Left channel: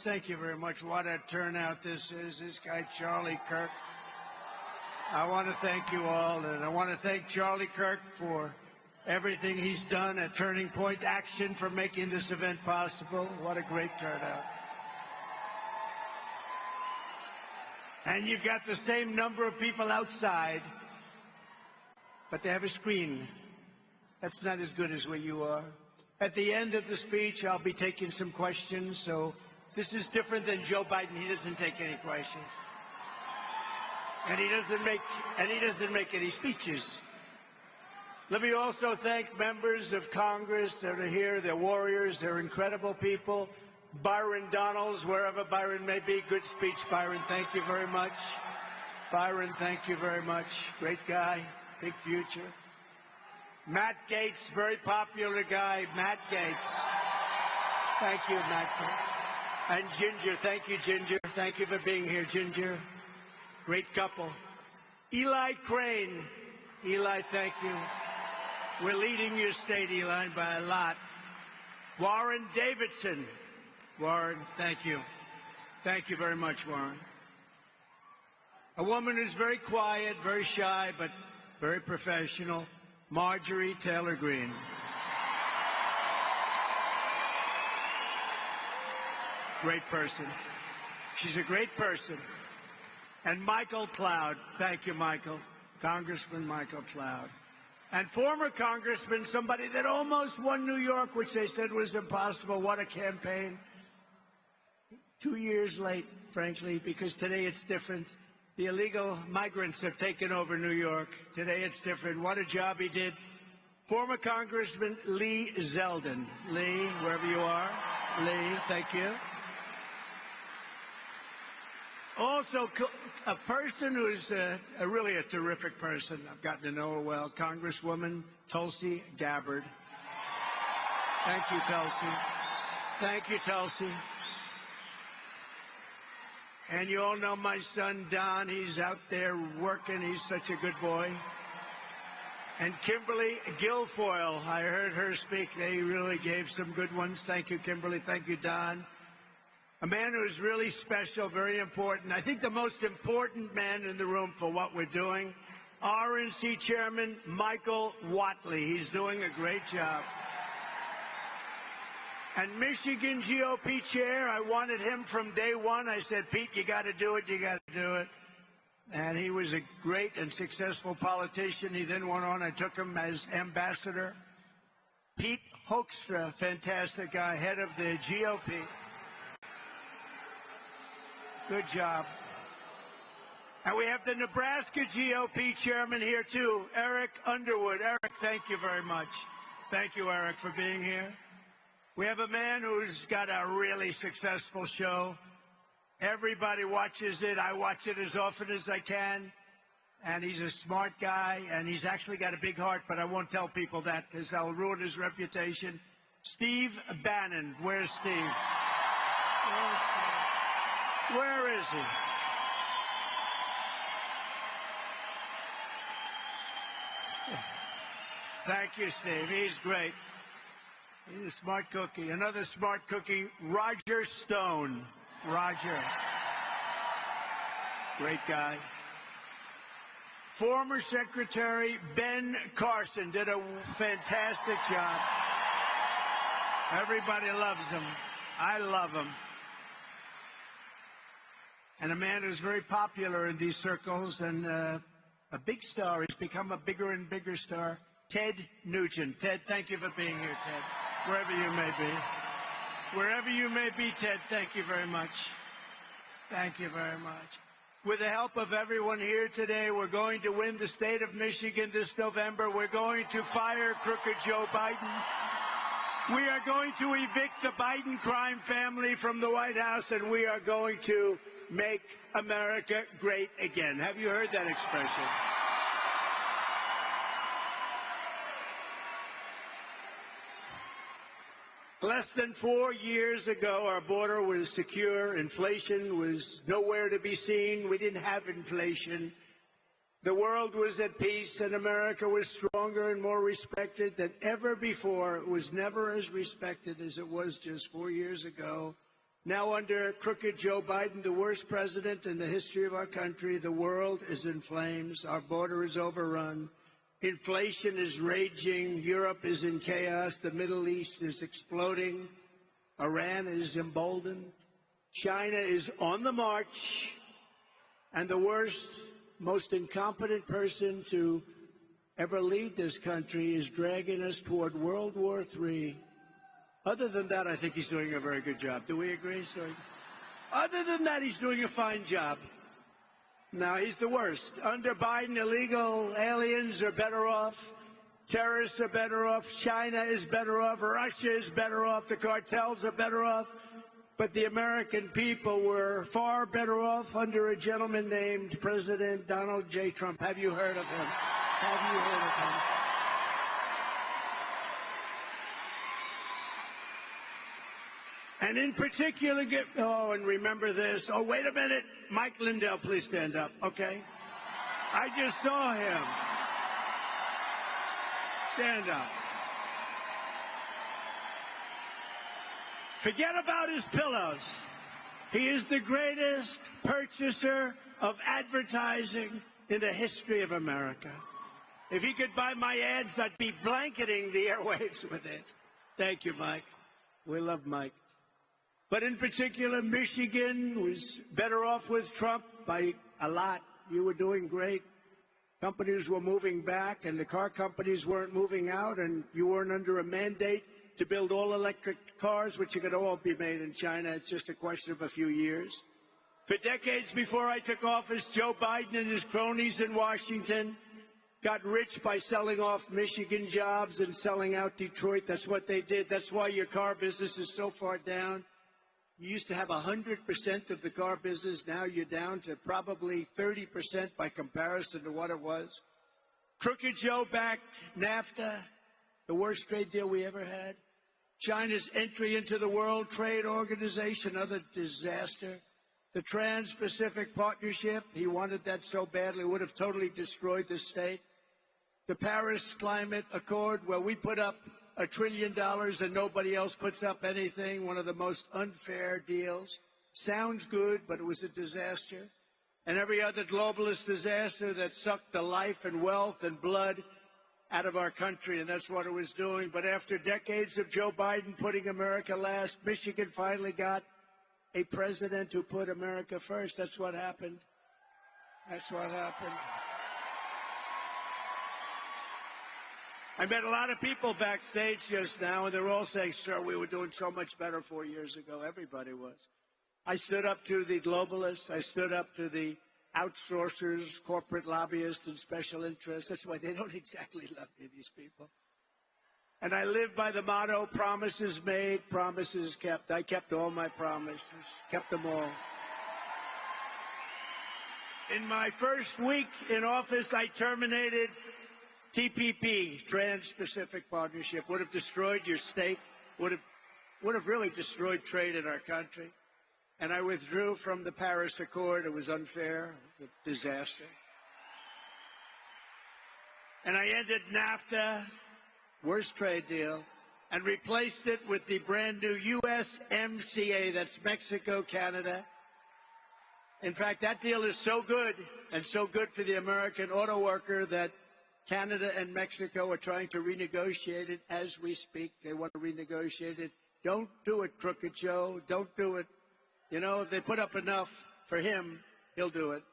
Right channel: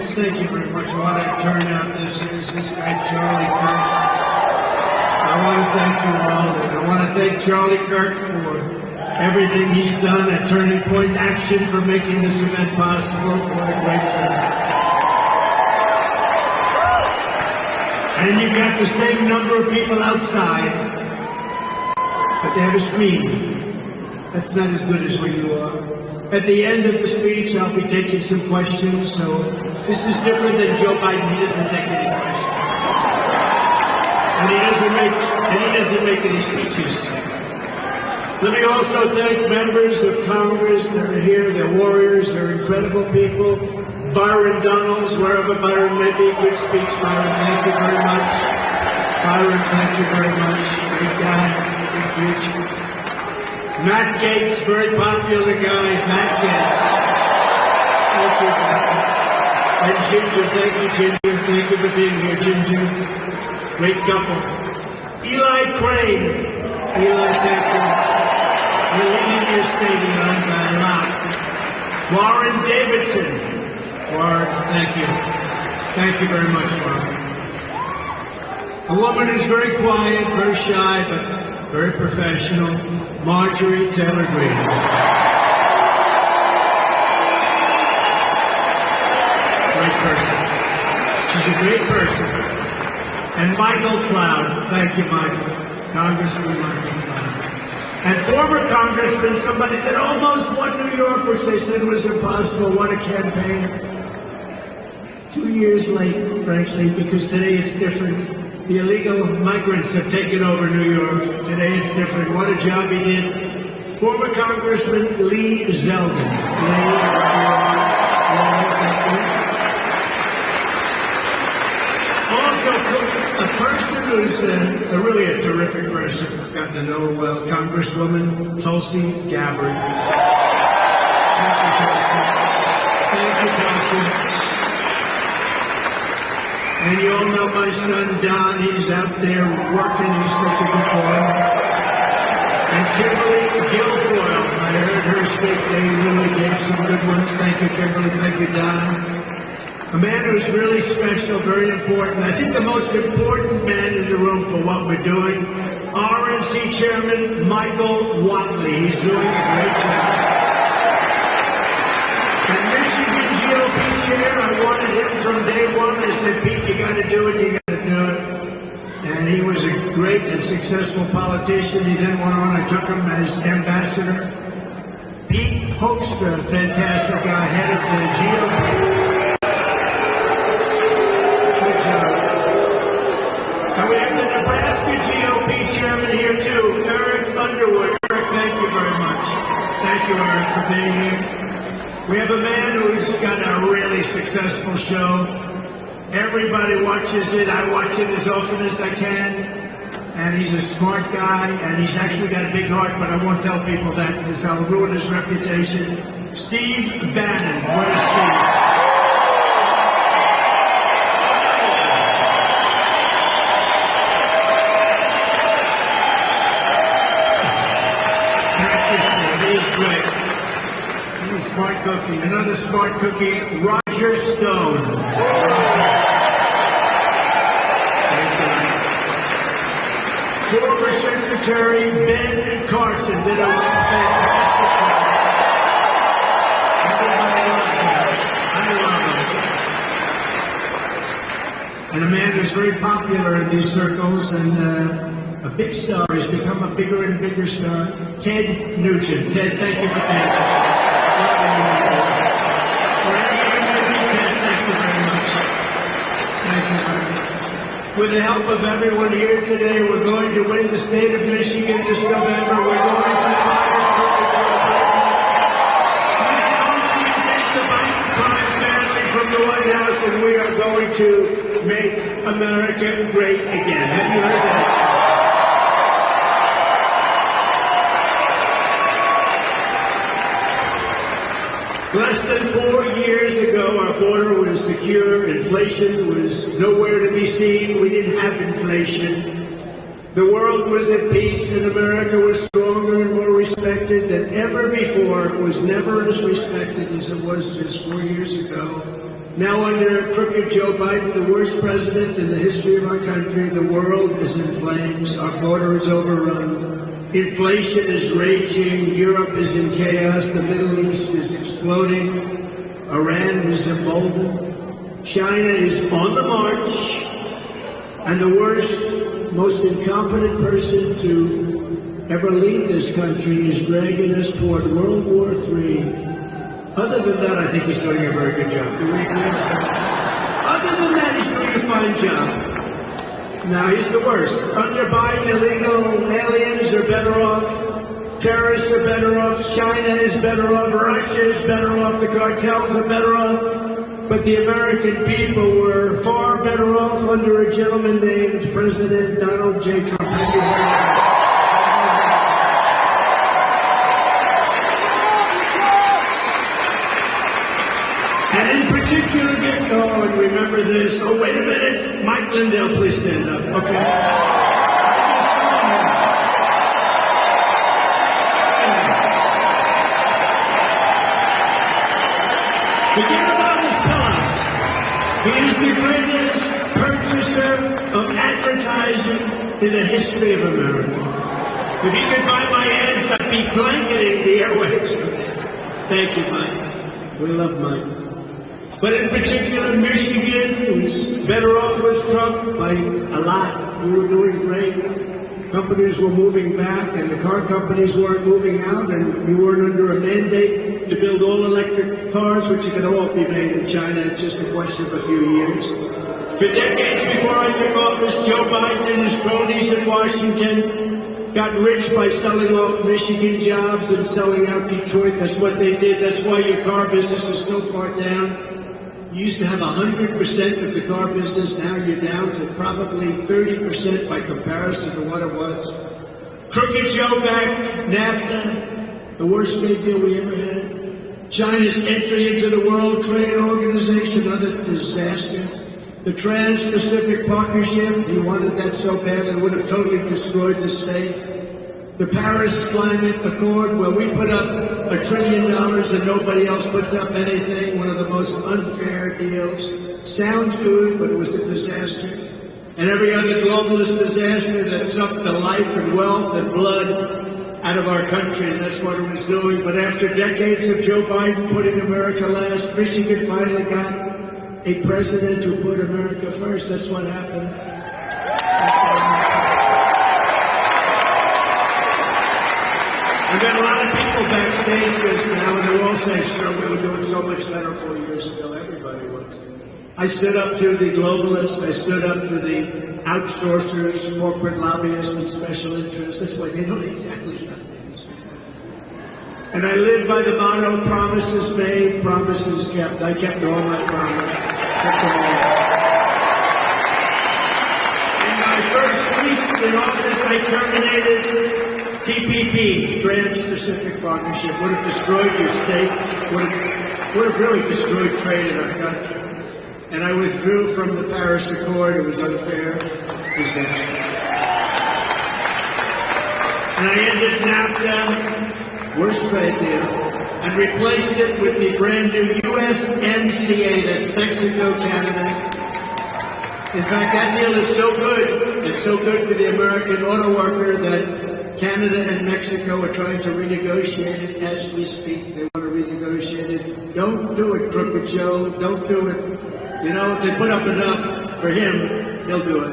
audience, thank you very much. What a turnout this is. This guy, Charlie Kirk. I want to thank you all. And I want to thank Charlie Kirk for everything he's done at Turning Point Action for making this event possible. What a great turnout. And you've got the same number of people outside, but they have a screen. That's not as good as where you are. At the end of the speech, I'll be taking some questions, so this is different than Joe Biden. He doesn't take any questions. And he doesn't make any speeches. Let me also thank members of Congress that are here. They're warriors. They're incredible people. Byron Donalds, wherever Byron may be, good speech, Byron. Thank you very much. Byron, thank you very much. Great guy, big future. Matt Gaetz, very popular guy. Matt Gaetz. Thank you, Matt. And Ginger, thank you, Ginger. Thank you for being here, Ginger. Great couple. Eli Crane. Eli, thank you. You're leading your state, Eli, by a lot. Warren Davidson. Warren, thank you. Thank you very much, Warren. A woman who's very quiet, very shy, but very professional. Marjorie Taylor Greene. Great person. She's a great person. And Michael Cloud. Thank you, Michael. Congressman Michael Cloud. And former Congressman, somebody that almost won New York, which they said was impossible, won a campaign. 2 years late, frankly, because today it's different. The illegal migrants have taken over New York. Today it's different. What a job he did. Former Congressman Lee Zeldin. Also, a person who's really a terrific person. I've gotten to know well. Congresswoman Tulsi Gabbard. Thank you, Tulsi. Thank you, Tulsi. And you all know my son, Don. He's out there working. He's such a good boy. And Kimberly Guilfoyle. I heard her speak. They really gave some good ones. Thank you, Kimberly. Thank you, Don. A man who's really special, very important. I think the most important man in the room for what we're doing, RNC Chairman Michael Whatley. He's doing a great job. And Michigan GOP Chair, I wanted him from day one. I said, Pete, you got to do it, you got to do it. And he was a great and successful politician. He then went on, I took him as ambassador. Pete Hoekstra, fantastic guy, head of the GOP. Good job. And we have the Nebraska GOP chairman here too, Eric Underwood. Eric, thank you very much. Thank you, Eric, for being here. We have a man who's got a really successful show. Everybody watches it. I watch it as often as I can. And he's a smart guy, and he's actually got a big heart, but I won't tell people that because I'll ruin his reputation. Steve Bannon. Where's Steve? Thank you, Steve. He's great. He's a smart cookie. Another smart cookie, Roger Stone. Former Secretary Ben Carson did a fantastic job. Everybody loves him. I love him. And a man who's very popular in these circles and a big star. He's become a bigger and bigger star. Ted Nugent. Ted, thank you for being here. Wherever you may be, Ted, thank you very much. Thank you very much. With the help of everyone here today, we're going to win the state of Michigan this November. We're going to fire the Biden crime family from the White House, and we are going to make America great again. Have you heard that? Less than 4 years ago, our border was secure. Inflation was nowhere to be seen. We didn't have inflation. The world was at peace, and America was stronger and more respected than ever before. It was never as respected as it was just 4 years ago. Now, under worst president in the history of our country. The world is in flames. Our border is overrun. Inflation is raging. Europe is in chaos. The Middle East is exploding. Iran is emboldened. China is on the march. And the worst, most incompetent person to ever lead this country is dragging us toward World War III. Other than that, I think he's doing a very good job. Do you agree with that? Other than that, he's doing a fine job. Now, he's the worst. Under Biden, illegal aliens are better off. Terrorists are better off. China is better off. Russia is better off. The cartels are better off. But the American people were far better off under a gentleman named President Donald J. Trump. Thank you very much. And in particular, and remember this. Oh, wait a minute. Mike Lindell, please stand up. Okay. Forget about his pillows. He is the greatest purchaser of advertising in the history of America. If he could buy my ads, I'd be blanketing the airwaves with it. Thank you, Mike. We love Mike. But in particular, Michigan was better off with Trump by a lot. We were doing great. Companies were moving back, and the car companies weren't moving out, and we weren't under a mandate to build all electric cars, which are going to all be made in China. It's just a question of a few years. For decades before I took office, Joe Biden and his cronies in Washington got rich by selling off Michigan jobs and selling out Detroit. That's what they did. That's why your car business is so far down. You used to have 100% of the car business. Now you're down to probably 30% by comparison to what it was. Crooked Joe back, NAFTA, the worst trade deal we ever had. China's entry into the World Trade Organization, another disaster. The Trans-Pacific Partnership, he wanted that so bad it would have totally destroyed the state. The Paris Climate Accord, where we put up $1 trillion and nobody else puts up anything, one of the most unfair deals. Sounds good, but it was a disaster. And every other globalist disaster that sucked the life and wealth and blood out of our country, and that's what it was doing. But after decades of Joe Biden putting America last, Michigan finally got a president who put America first. That's what happened. We've got a lot of people backstage just now, and they're all saying, sure, we were doing so much better 4 years ago. Everybody was. I stood up to the globalists. I stood up to the outsourcers, corporate lobbyists, and special interests. This way, they don't exactly know. And I live by the motto, promises made, promises kept. I kept all my promises. Kept them all. In my first week in office, I terminated TPP, Trans-Pacific Partnership. Would have destroyed your state, would have really destroyed trade in our country. And I withdrew from the Paris Accord. It was unfair, disaster. And I ended NAFTA, worst trade deal, and replaced it with the brand new USMCA, that's Mexico, Canada. In fact, that deal is so good, it's so good for the American auto worker that Canada and Mexico are trying to renegotiate it as we speak. They want to renegotiate it. Don't do it, Crooked Joe. Don't do it. You know, if they put up enough for him, he'll do it.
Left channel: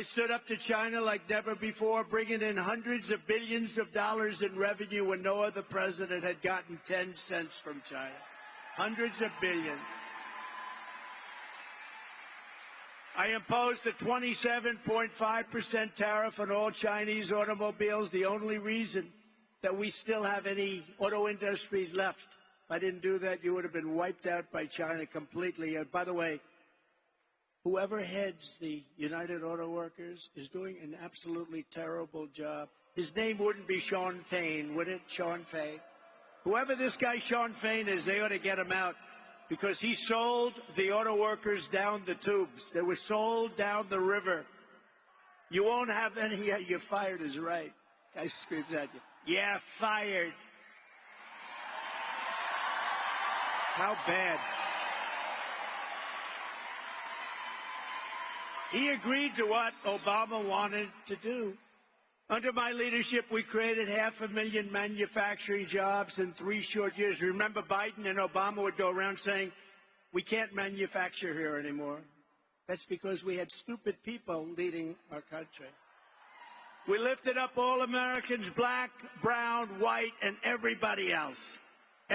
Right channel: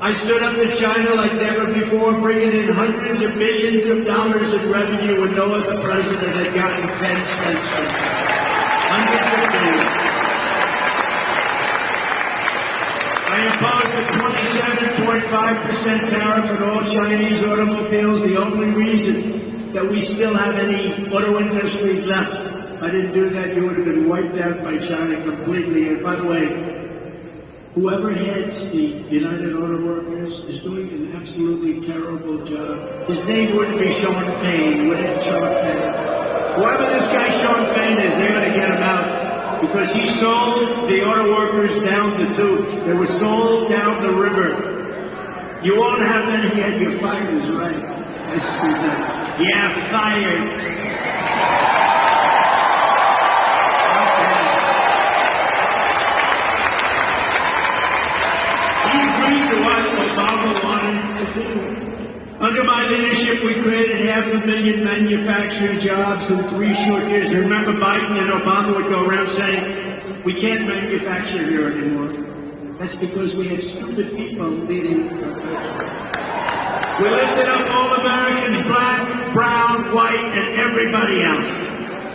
I stood up to China like never before, bringing in hundreds of billions of dollars in revenue when no other president had gotten 10 cents from China. Hundreds of billions. I imposed a 27.5% tariff on all Chinese automobiles, the only reason that we still have any auto industry left. If I didn't do that, you would have been wiped out by China completely. And by the way, whoever heads the United Auto Workers is doing an absolutely terrible job. His name wouldn't be Sean Fain, would it, Sean Fain? Whoever this guy Sean Fain is, they're going to get him out. Because he sold the auto workers down the tubes. They were sold down the river. You won't have them yet. You're fired is right. This is ridiculous. Yeah, fired. 500,000 manufacturing jobs in 3 short years. Remember Biden and Obama would go around saying, we can't manufacture here anymore. That's because we had stupid people leading our country. We lifted up all Americans, black, brown, white, and everybody else.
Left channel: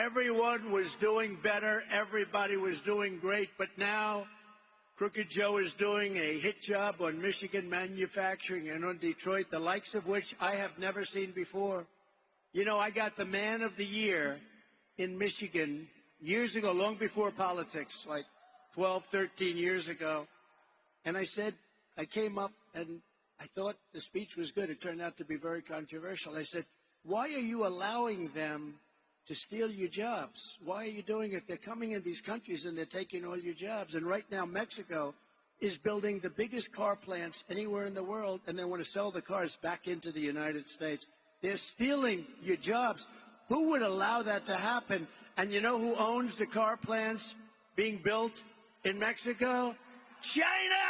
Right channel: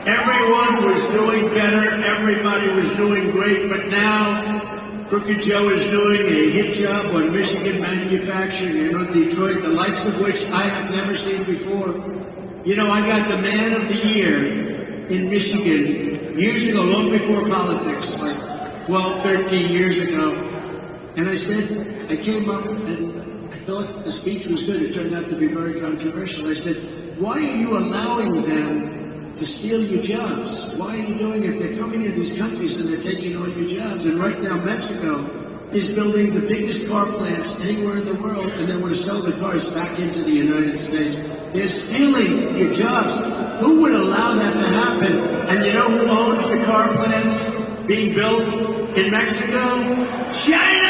Everyone was doing better. Everybody was doing great. But now, Crooked Joe is doing a hit job on Michigan manufacturing and on Detroit, the likes of which I have never seen before. You know, I got the Man of the Year in Michigan years ago, long before politics, like 12, 13 years ago. And I said, I came up and I thought the speech was good. It turned out to be very controversial. I said, why are you allowing them to steal your jobs? Why are you doing it? They're coming into these countries and they're taking all your jobs. And right now, Mexico is building the biggest car plants anywhere in the world, and they want to sell the cars back into the United States. They're stealing your jobs. Who would allow that to happen? And you know who owns the car plants being built in Mexico? China!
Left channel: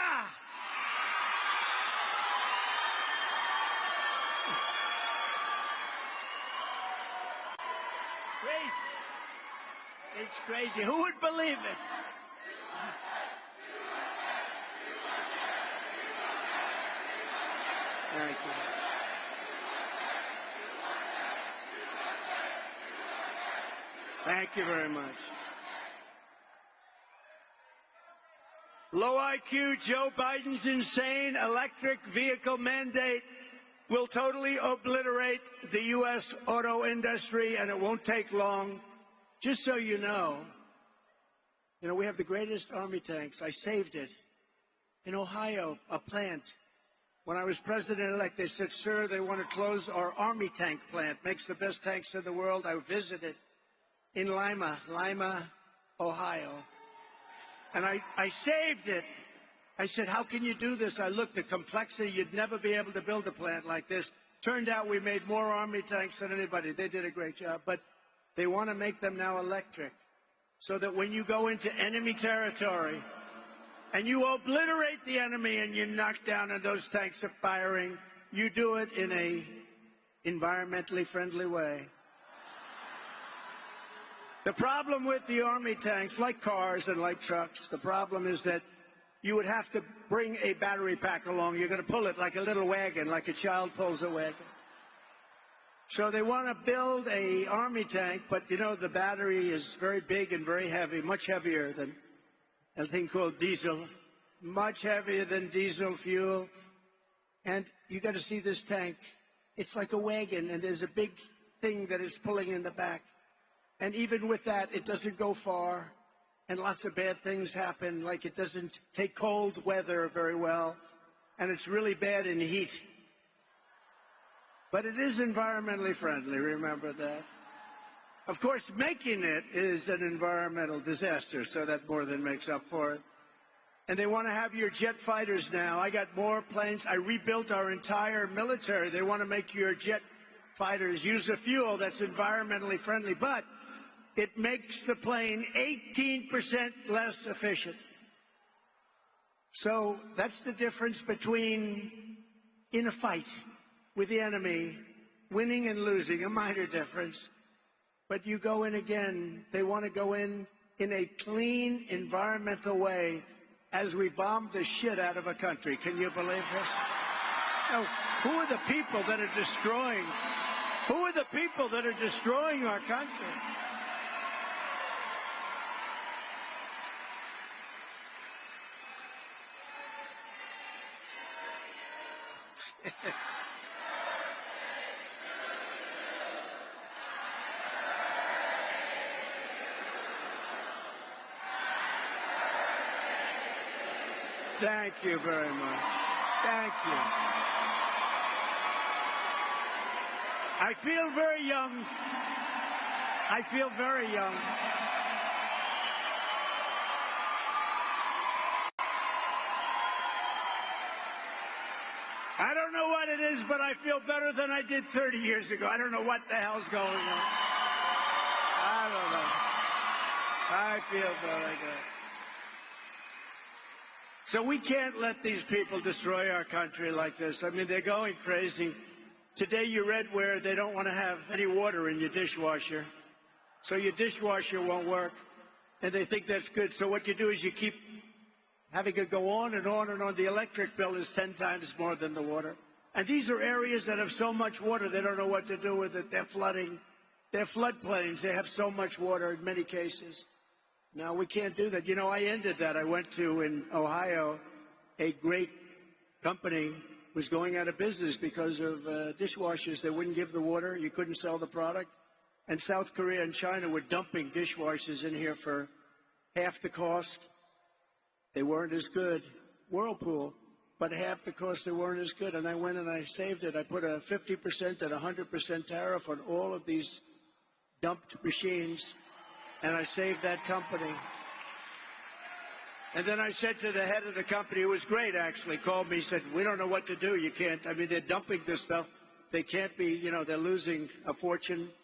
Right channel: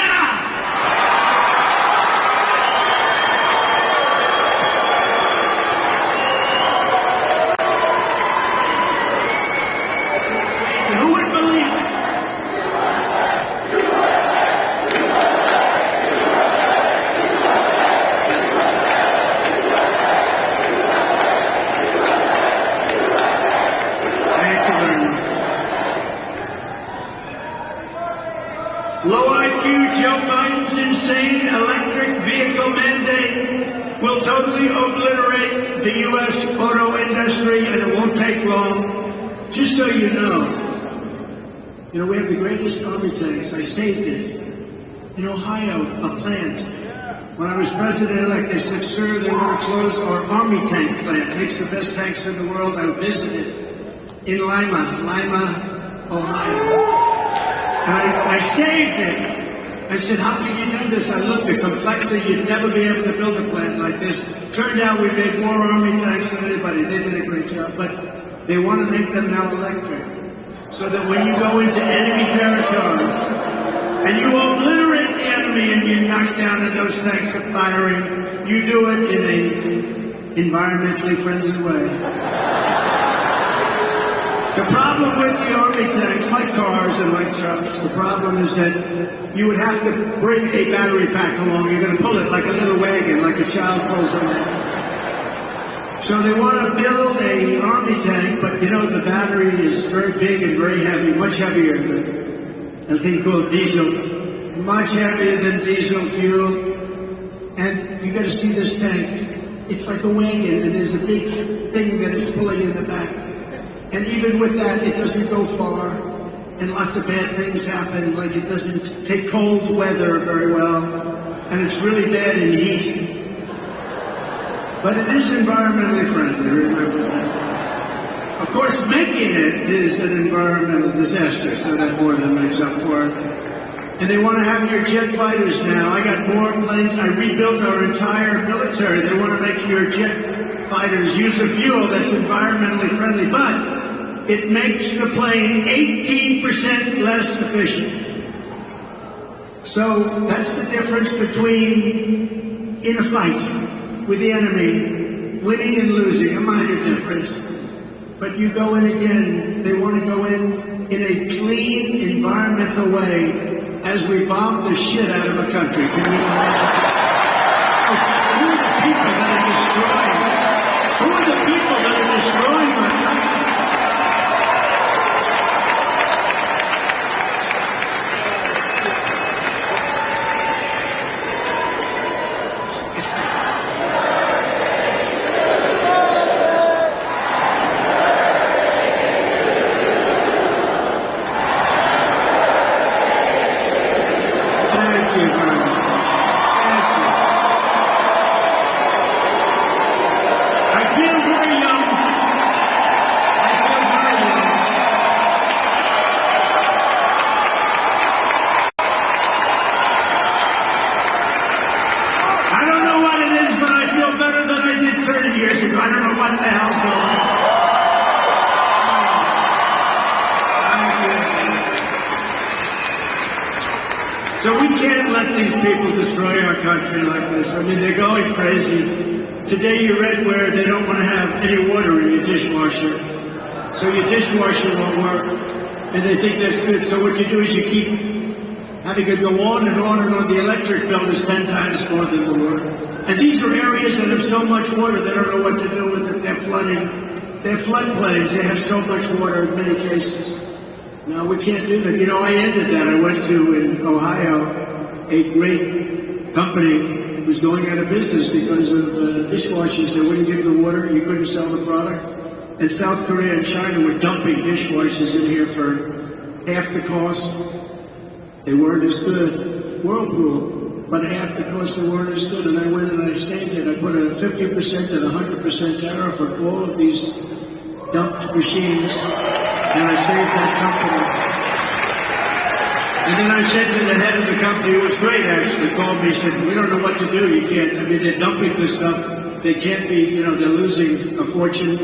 Low IQ Joe Biden's insane electric vehicle mandate will totally obliterate the U.S. auto industry, and it won't take long. Just so you know, we have the greatest army tanks. I saved it. In Ohio, a plant. When I was president-elect, they said, sir, they want to close our army tank plant. It makes the best tanks in the world. I visited in Lima, Ohio. And I saved it. I said, how can you do this? I looked, the complexity, you'd never be able to build a plant like this. Turned out we made more army tanks than anybody. They did a great job. But they want to make them now electric. So that when you go into enemy territory, and you obliterate the enemy and you knock down and those tanks are firing, you do it in a environmentally friendly way. The problem with the army tanks, like cars and like trucks, the problem is that you would have to bring a battery pack along. You're going to pull it like a little wagon, like a child pulls a wagon. So they want to build an army tank, but you know the battery is very big and very heavy, much heavier than a thing called diesel, much heavier than diesel fuel. And you got to see this tank. It's like a wagon, and there's a big thing that is pulling in the back. And even with that, it doesn't go far, and lots of bad things happen, like it doesn't take cold weather very well, and it's really bad in heat. But it is environmentally friendly, remember that. Of course, making it is an environmental disaster, so that more than makes up for it. And they want to have your jet fighters now. I got more planes. I rebuilt our entire military. They want to make your jet fighters use a fuel that's environmentally friendly, but it makes the plane 18% less efficient. So that's the difference between, in a fight with the enemy, winning and losing, a minor difference. But you go in again, they want to go in a clean, environmental way as we bomb the shit out of a country. Can you imagine? Who are the people that are destroying? Who are the people that are destroying our country? Thank you very much. Thank you. I feel very young. I feel very young. I don't know what it is, but I feel better than I did 30 years ago. I don't know what the hell's going on. So we can't let these people destroy our country like this. I mean, they're going crazy. Today you read where they don't want to have any water in your dishwasher. So your dishwasher won't work. And they think that's good. So what you do is you keep having it go on and on and on. The electric bill is 10 times more than the water. And these are areas that have so much water they don't know what to do with it. They're flooding. They're floodplains. They have so much water in many cases. No, we can't do that. You know, I ended that. I went to, in Ohio, a great company was going out of business because of dishwashers. They wouldn't give the water. You couldn't sell the product. And South Korea and China were dumping dishwashers in here for half the cost. They weren't as good. Whirlpool, but half the cost they weren't as good. And I went and I saved it. I put a 50% and 100% tariff on all of these dumped machines, and I saved that company. And then I said to the head of the company, who was great actually, called me, said, we don't know what to do. You can't, I mean, they're dumping this stuff. They can't be, you know, they're losing a fortune.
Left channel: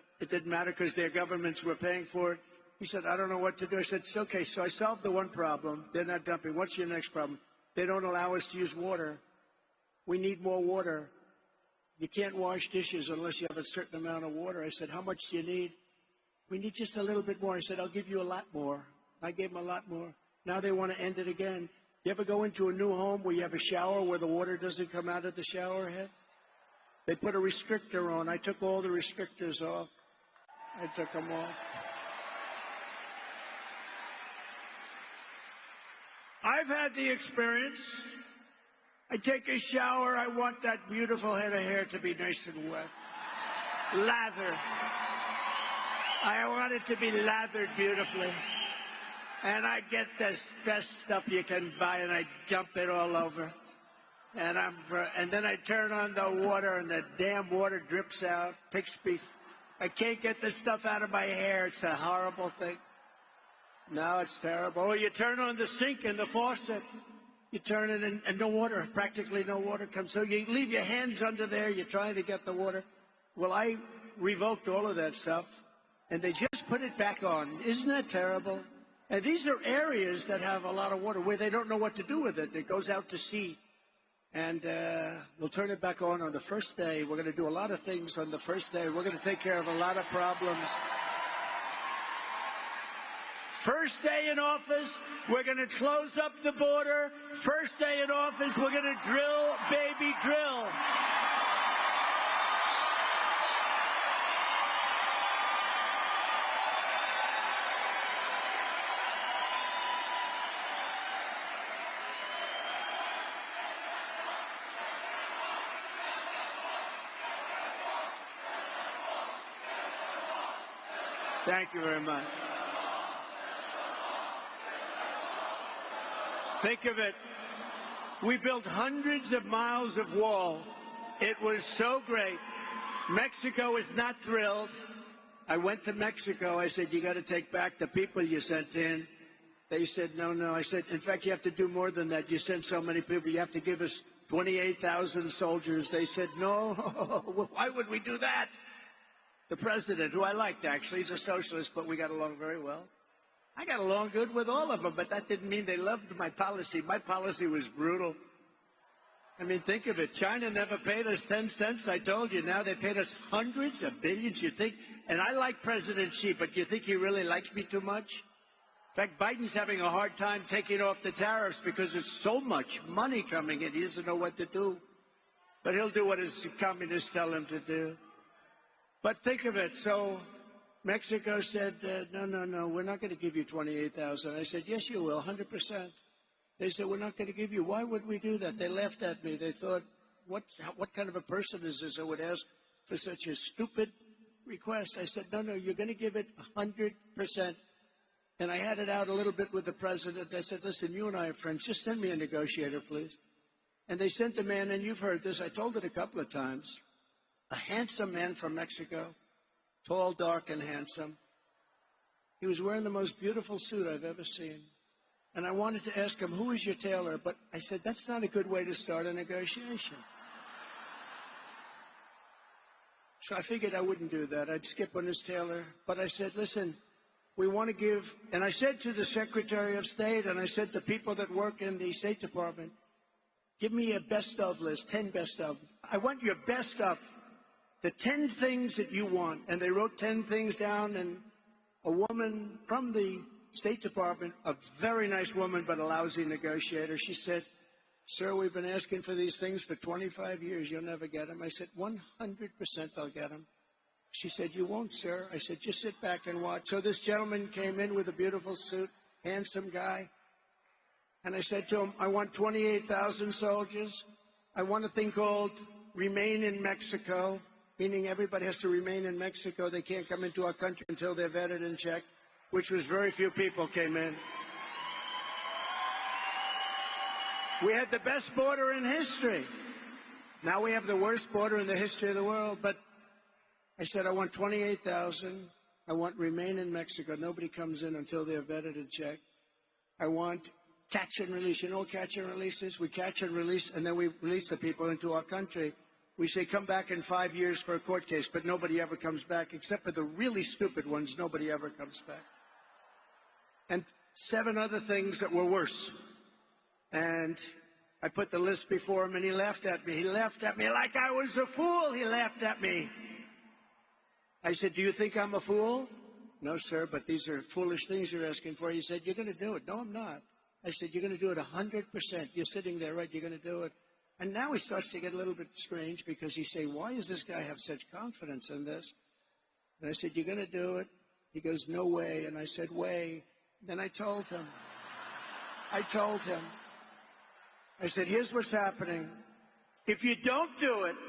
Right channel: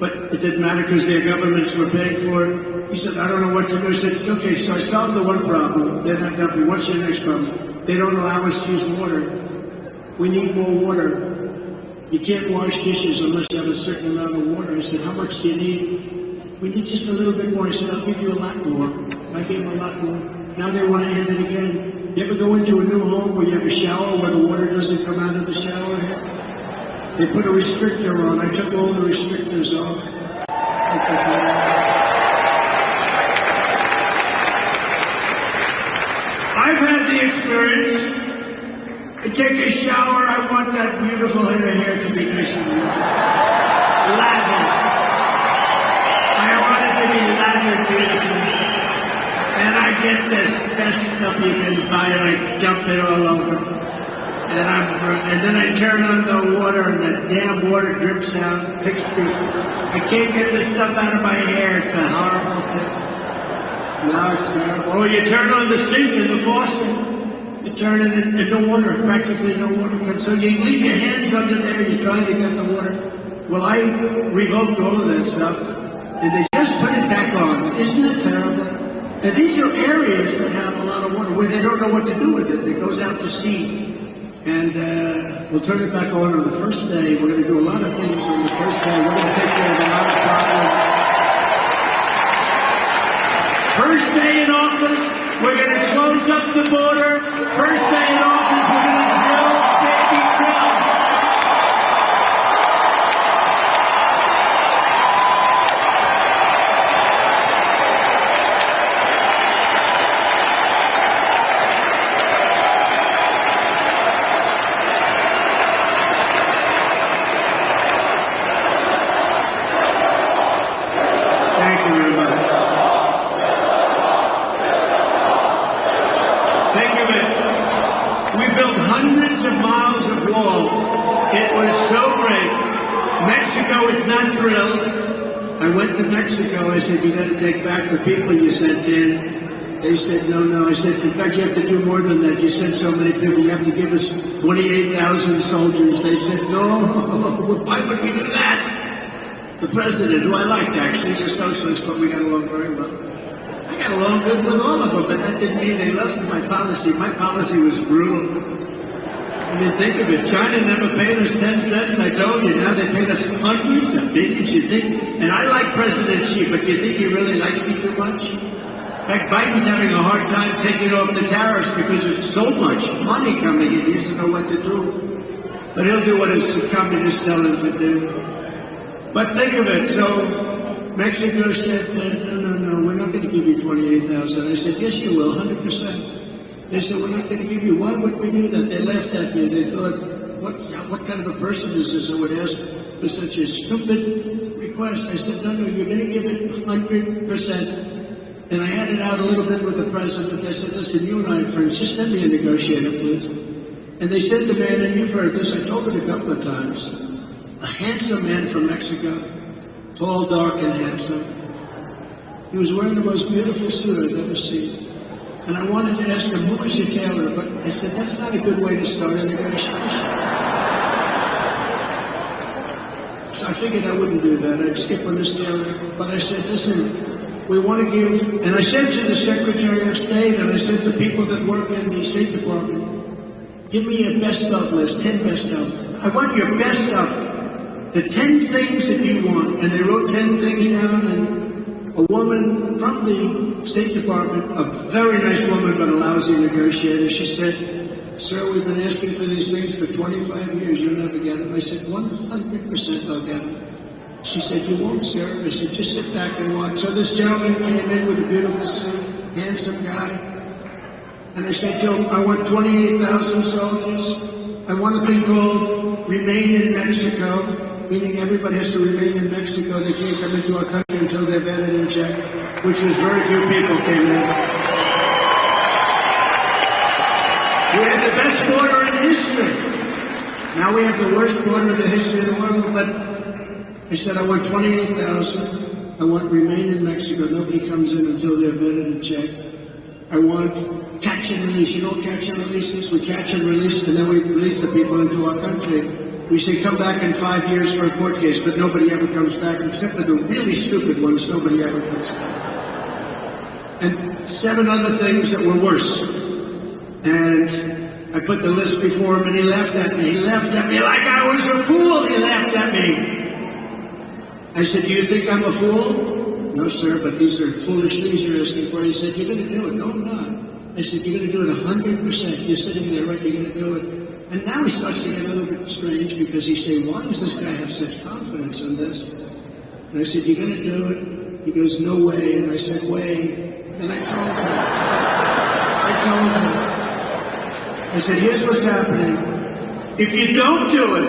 But it didn't matter because their governments were paying for it. He said, I don't know what to do. I said, okay, so I solved the one problem. They're not dumping. What's your next problem? They don't allow us to use water. We need more water. You can't wash dishes unless you have a certain amount of water. I said, how much do you need? We need just a little bit more. I said, I'll give you a lot more. I gave them a lot more. Now they want to end it again. You ever go into a new home where you have a shower where the water doesn't come out of the shower head? They put a restrictor on. I took all the restrictors off. I've had the experience. I take a shower, I want that beautiful head of hair to be glistening. Lathered. I want it to be lathered beautifully. And I get this best stuff you can buy and I dump it all over. And then I turn on the water and the damn water drips out, picks me. I can't get this stuff out of my hair. It's a horrible thing. Now it's terrible. Oh, you turn on the sink and the faucet. You turn it and no water, practically no water comes. So you leave your hands under there, you're trying to get the water. Well, I revoked all of that stuff, and they just put it back on. Isn't it terrible? And these are areas that have a lot of water where they don't know what to do with it. It goes out to sea. And we'll turn it back on the first day. We're going to do a lot of things on the first day. We're going to take care of a lot of problems. First day in office, we're going to close up the border. First day in office, we're going to drill, baby, drill. Thank you very much. Thank you, man. We built hundreds of miles of wall. It was so great. Mexico is not thrilled. I went to Mexico. I said, you got to take back the people you sent in. They said, no. I said, in fact, you have to do more than that. You sent so many people. You have to give us 28,000 soldiers. They said, no. Why would we do that? The president, who I liked actually, he's a socialist, but we got along very well. I got along good with all of them, but that didn't mean they loved my policy. My policy was brutal. I mean, think of it. China never paid us 10 cents, I told you. Now they paid us hundreds of millions, you think? And I like President Xi, but do you think he really likes me too much? In fact, Biden's having a hard time taking off the tariffs because it's so much money coming in. He doesn't know what to do. But he'll do what his communists tell him to do. But think of it. So Mexico said, no, we're not going to give you 28,000. I said, yes, you will, 100%. They said, we're not going to give you. Why would we do that? They laughed at me. They thought, what kind of a person is this who would ask for such a stupid request? I said, no, you're going to give it 100%. And I had it out a little bit with the president. I said, listen, you and I are friends. Just send me a negotiator, please. And they said to me, and you've heard this, I told it a couple of times, a handsome man from Mexico, tall, dark, and handsome. He was wearing the most beautiful suit I've ever seen. And I wanted to ask him, who is your tailor? But I said, that's not a good way to start a negotiation. So I figured I wouldn't do that. I'd skip on this tailor. But I said, listen, we want to give, and I said to the Secretary of State, and I said to people that work in the State Department, Give me your best of list, 10 best of. I want your best of. The 10 things that you want. And they wrote 10 things down, and a woman from the State Department, a very nice woman but a lousy negotiator, she said, "Sir, we've been asking for these things for 25 years. You'll never get them." I said, 100% I'll get them. She said, "You won't, sir." I said, "Just sit back and watch." So this gentleman came in with a beautiful suit, handsome guy. And I said to him, "I want 28,000 soldiers. I want a thing called Remain in Mexico," meaning everybody has to remain in Mexico. They can't come into our country until they're vetted and checked, which was very few people came in. We had the best border in history. Now we have the worst border in the history of the world. But I said, "I want 28,000. I want Remain in Mexico. Nobody comes in until they're vetted and checked. I want catch and release. You know what catch and release is? We catch and release, and then we release the people into our country. We say come back in 5 years for a court case, but nobody ever comes back, except for the really stupid ones. Nobody ever comes back. And 7 other things that were worse. And I put the list before him, and he laughed at me. He laughed at me like I was a fool. He laughed at me. I said, "Do you think I'm a fool?" "No, sir, but these are foolish things you're asking for." He said, "You're going to do it." "No, I'm not." I said, "You're going to do it 100%. You're sitting there, right? You're going to do it." And now he starts to get a little bit strange because he's saying, "Why does this guy have such confidence in this?" And I said, "You're going to do it?" He goes, "No way." And I said, "Way." And I told him, I said, "Here's what's happening. If you don't do it,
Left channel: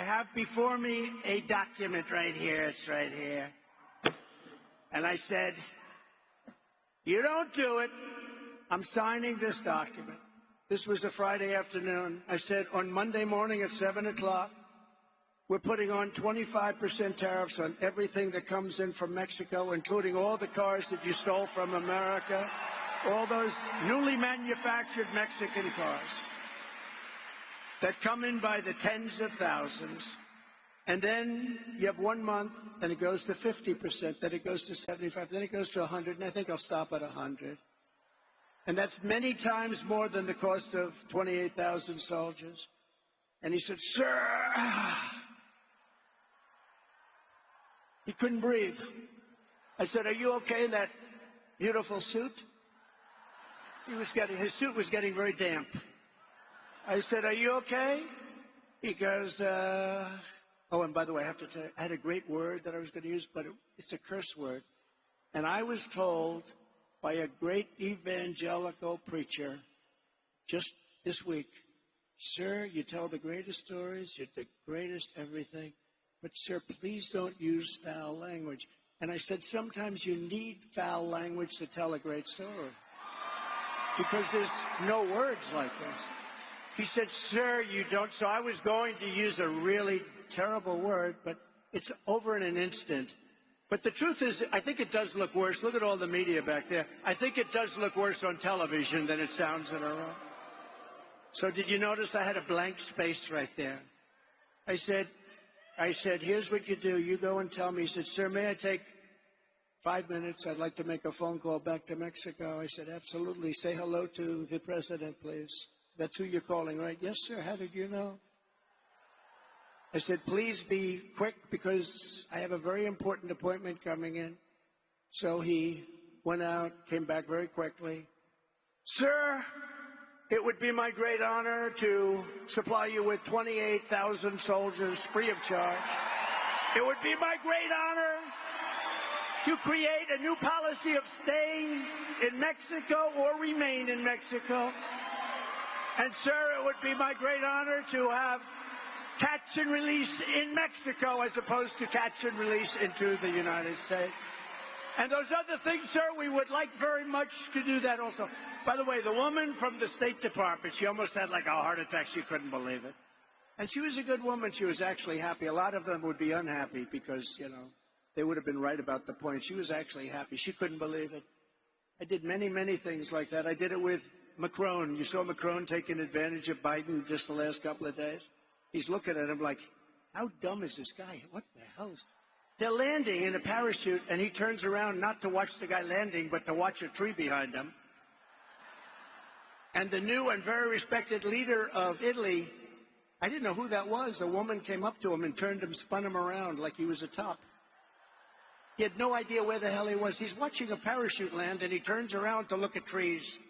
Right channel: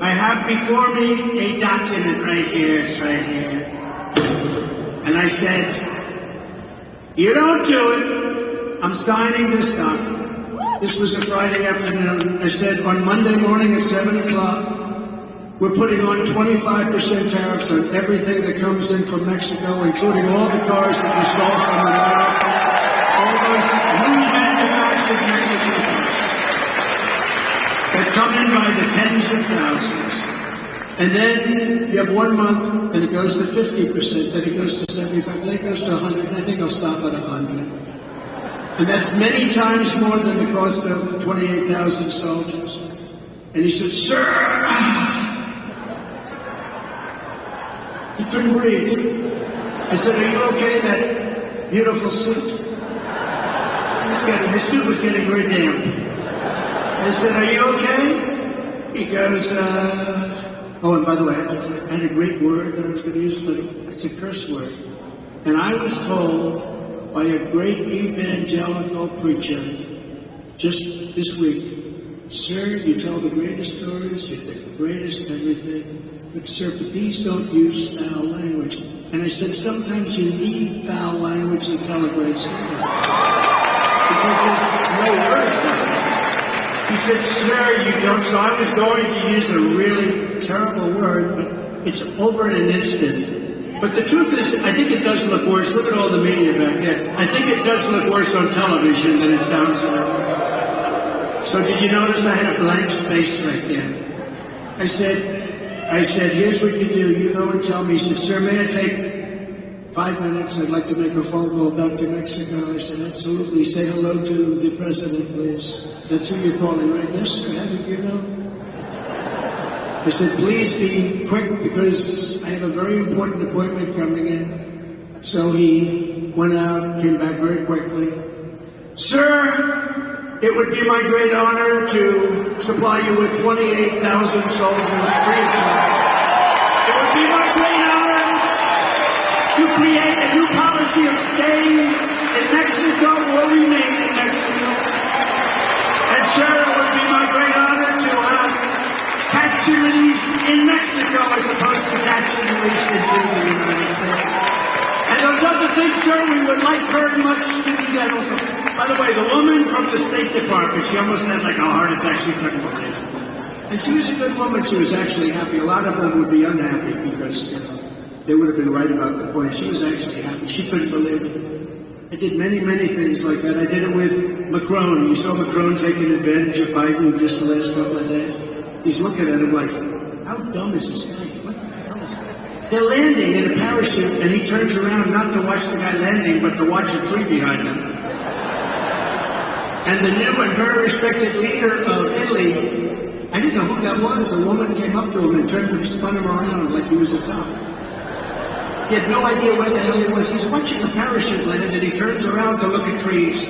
I have before me a document right here. It's right here." And I said, "You don't do it, I'm signing this document." This was a Friday afternoon. I said, "On Monday morning at 7 o'clock, we're putting on 25% tariffs on everything that comes in from Mexico, including all the cars that we stole from America, all those new manufactured Mexican cars that come in by the tens of thousands. And then you have 1 month, and it goes to 50%, then it goes to 75%, then it goes to 100%, and I think I'll stop at 100%. And that's many times more than the cost of 28,000 soldiers." And he said, "Sir," he couldn't breathe. I said, "Are you okay, that beautiful suit?" His suit was getting very damp. I said, "Are you okay?" He goes, "Oh, and by the way, I had a great word that I was going to use, but it's a curse word. And I was told by a great evangelical preacher just this week, 'Sir, you tell the greatest stories, you're the greatest everything, but sir, please don't use foul language.' And I said, sometimes you need foul language to tell a great story. Because there's no words like that." He said, "Sir, you don't." So I was going to use a really terrible word, but it's over in an instant. But the truth is, I think it does look worse. Look at all the media back there. I think it does look worse on television than it sounds like. So did you notice I had a blank space right there? I said, "Here's what you do. You go and tell me." He said, "Sir, may I take 5 minutes? I'd like to make a phone call back to Mexico." I said, "Absolutely. Say hello to the president, please." "That's who you're calling, right?" "Yes, sir. How did you know?" I said, "Please be quick because I have a very important appointment coming in." So he went out, came back very quickly. "Sir, it would be my great honor to supply you with 28,000 soldiers free of charge. It would be my great honor to create a new policy of staying in Mexico or remain in Mexico. And sir, it would be my great honor to have catch and release in Mexico as opposed to catch and release in the United States. And those other things, sir, we would like very much to do that also." By the way, the woman from the State Department, she almost had like a heart attack. She couldn't believe it. And she was a good woman. She was actually happy. A lot of them would be unhappy because, they would have been right about the point. She was actually happy. She couldn't believe it. I did many, many things like that. I did it with Macron. You saw Macron taking advantage of Biden just the last couple of days. She's looking at him like, how dumb is this guy? What the hell is that? They're landing in a parachute, and he turns around not to watch the guy landing, but to watch a tree behind him. And the new and very respected leader of Italy, I didn't know who that was. A woman came up to him and turned and spun him around like he was a top. He had no idea where the hell he was. He's watching a parachute land, and he turns around to look at trees.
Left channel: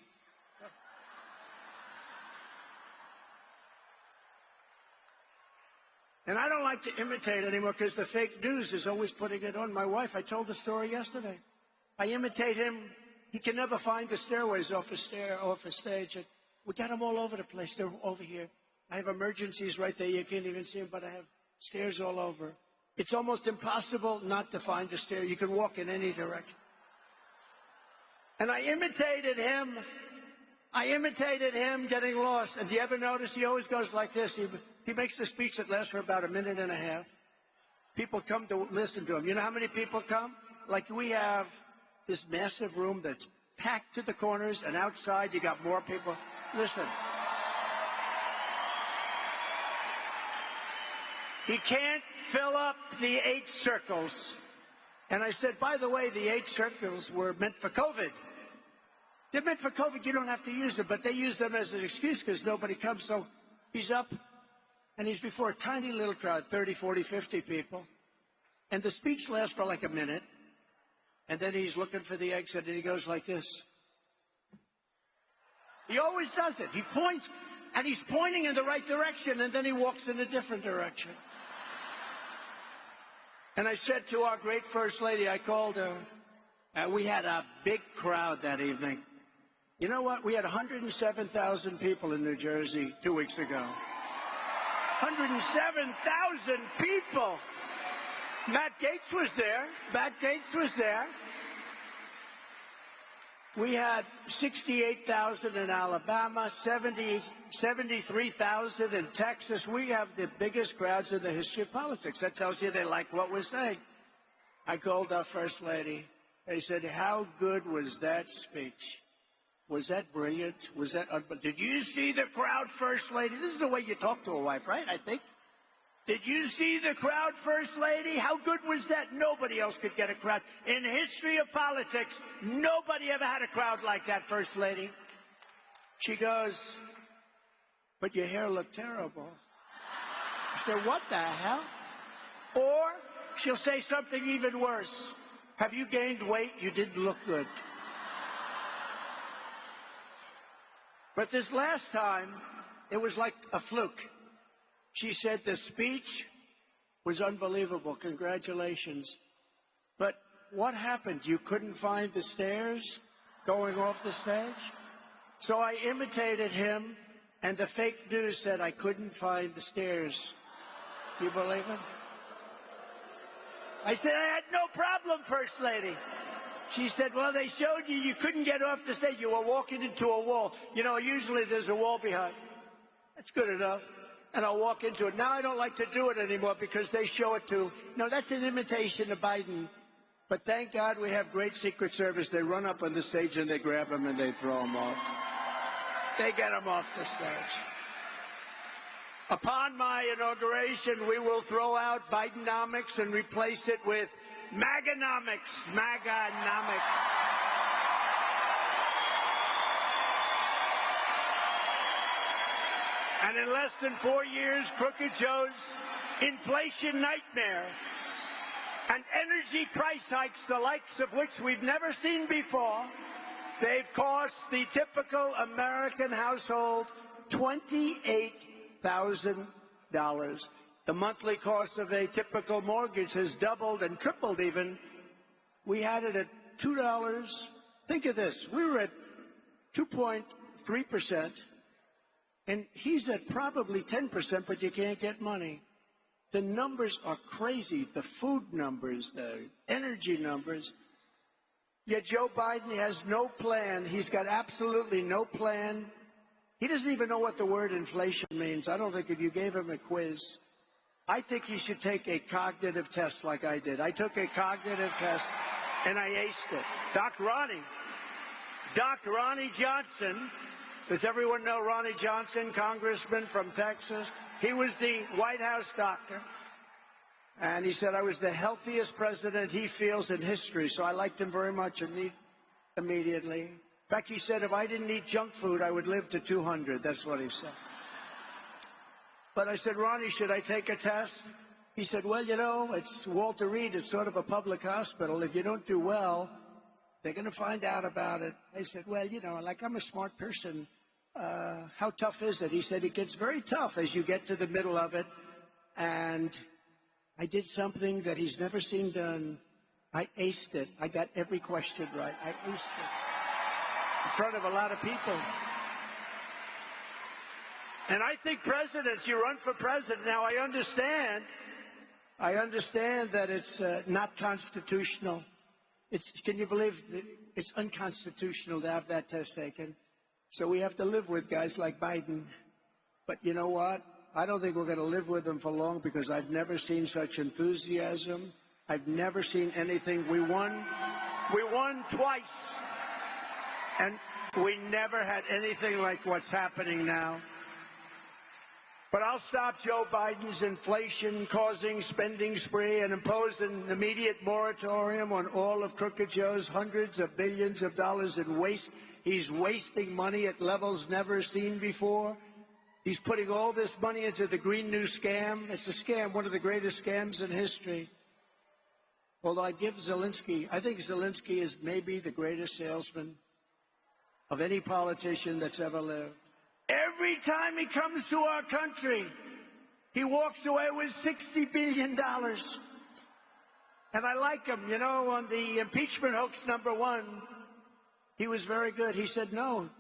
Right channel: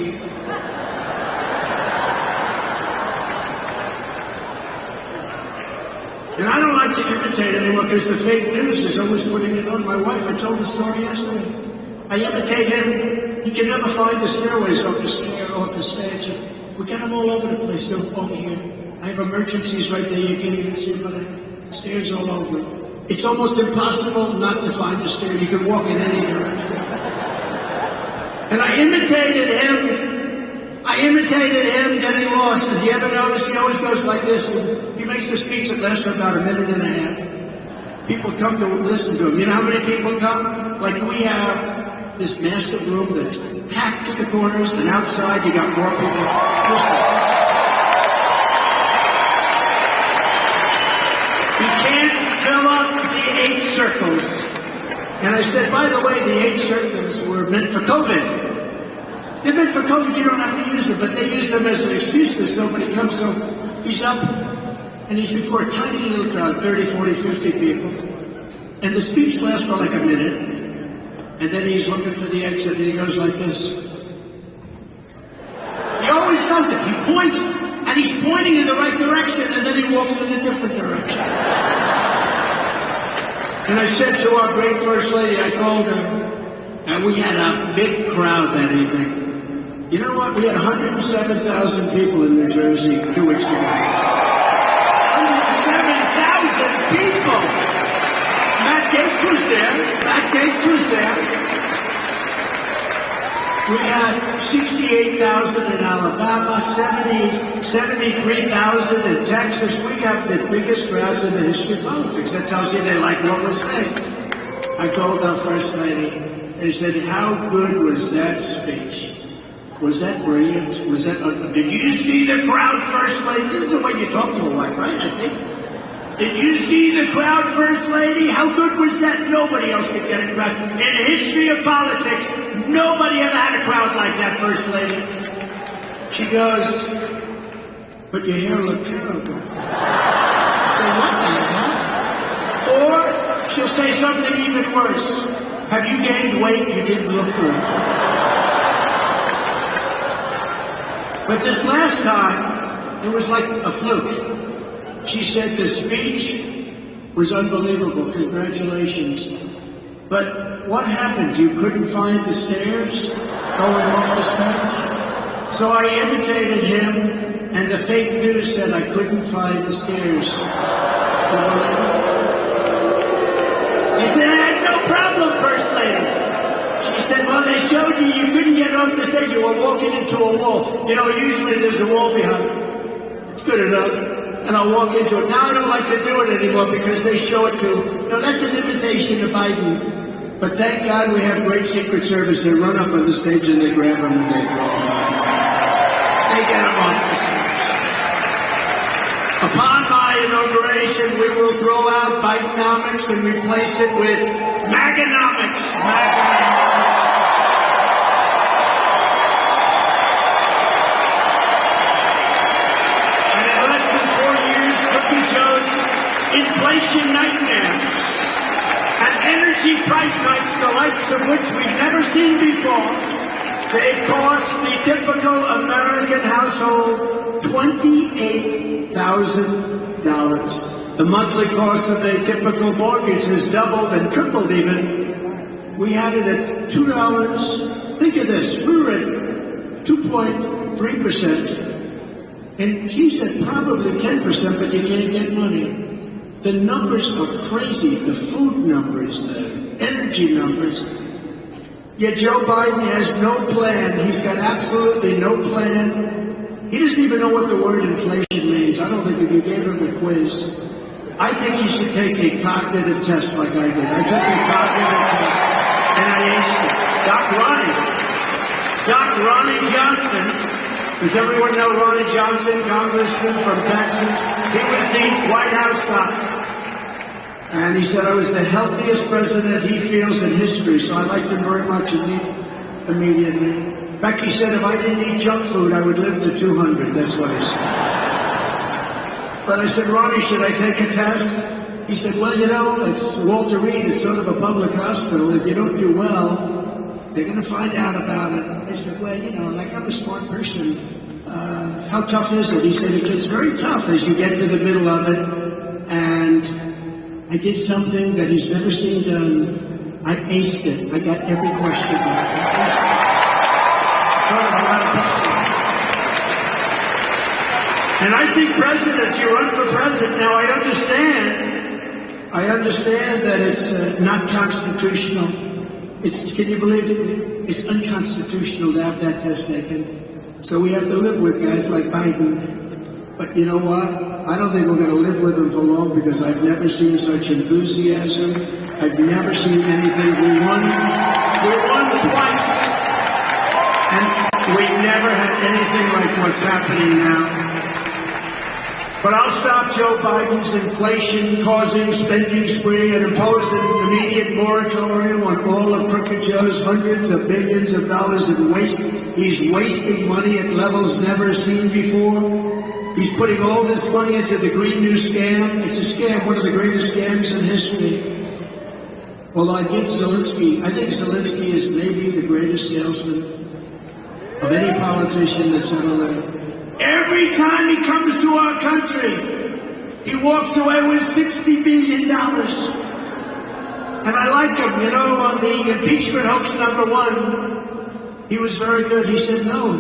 And I don't like to imitate anyone because the fake news is always putting it on. My wife, I told the story yesterday. I imitate him. You can never find the stairways off the stage. We got them all over the place. They're over here. I have emergencies right there. You can't even see them, but I have stairs all over. It's almost impossible not to find the stair. You can walk in any direction. And I imitated him. Then he lost. And you ever notice he always goes like this? He makes a speech that lasts for about a minute and a half. People come to listen to him. You know how many people come? Like we have this massive room that's packed to the corners, and outside you got more people. Listen. You can't fill up the 8 circles. And I said, by the way, the 8 circles were meant for COVID. They're meant for COVID, you don't have to use them, but they use them as an excuse because nobody comes. So he's up, and he's before a tiny little crowd, 30, 40, 50 people. And the speech lasts for like a minute. And then he's looking for the exit, and he goes like this. He always does it. He points, and he's pointing in the right direction, and then he walks in a different direction. And I said to our great First Lady, I called her, and we had a big crowd that evening. You know what? We had 107,000 people in New Jersey 2 weeks ago. 107,000 people! Matt Gaetz was there. We had 68,000 in Alabama, 73,000 in Texas. We have the biggest crowds in the history of politics. That tells you they like what we're saying. I told our First Lady, they said, how good was that speech? Was that brilliant? Did you see the crowd, First Lady? This is the way you talk to a wife, right? I think. Did you see the crowd, First Lady? How good was that? Nobody else could get a crowd. In the history of politics, nobody ever had a crowd like that, First Lady. She goes, but your hair looked terrible. She'll say, what the hell? Or she'll say something even worse. Have you gained weight? You didn't look good. But this last time, it was like a fluke. She said the speech was unbelievable. Congratulations. But what happened? You couldn't find the stairs going off the stage? So I imitated him, and the fake news said I couldn't find the stairs. He said, I had no problem, First Lady. She said, well, they showed you couldn't get off the stage. You were walking into a wall. You know, usually there's a wall behind. It's good enough. And I'll walk into it. Now I don't like to do it anymore because they show it to, no, that's an invitation to Biden. But thank God we have great Secret Service. They run up on the stage and they grab them and they throw them off. They get them off the stage. Upon my inauguration, we will throw out Bidenomics and replace it with Maganomics. Inflation nightmare and energy price hikes, the likes of which we've never seen before. They've cost the typical American household $28,000. The monthly cost of a typical mortgage has doubled and tripled even. We had it at $2. Think of this. We were at 2.3%. And he said probably 10%, but you can't get money. The numbers are crazy. The food numbers, the energy numbers. Yet Joe Biden has no plan. He's got absolutely no plan. He doesn't even know what the word inflation means. I don't think if you gave him a quiz, I think he should take a cognitive test like I did. I took a cognitive test, and I asked Doc Ronnie Johnson. Does everyone know Ronnie Johnson, congressman from Texas? He was the White House doctor. And he said I was the healthiest president he feels in history, so I liked him very much immediately. In fact, he said if I didn't eat junk food, I would live to 200. That's what he said. But I said, Ronnie, should I take a test? He said, well, you know, it's Walter Reed. It's sort of a public hospital. If you don't do well, they're going to find out about it. I said, well, you know, like I'm a smart person. How tough is it? He said, it gets very tough as you get to the middle of it. And I did something that he's never seen done. I aced it. I got every question right. And I think presidents, you run for president. Now, I understand that it's not constitutional. Can you believe it? It's unconstitutional to have that test taken. So we have to live with guys like Biden. But you know what? I don't think we're going to live with him for long because I've never seen such enthusiasm. I've never seen anything. We won twice. And we never had anything like what's happening now. But I'll stop Joe Biden's inflation-causing spending spree and impose an immediate moratorium on all of Crooked Joe's hundreds of billions of dollars in waste. He's wasting money at levels never seen before. He's putting all this money into the Green New Scam. It's a scam, one of the greatest scams in history. Well, I think Zelensky is maybe the greatest salesman of any politician that's ever lived. Every time he comes to our country, he walks away with $60 billion. And I like him, you know, on the impeachment hoax #1, he was very good. He said, no,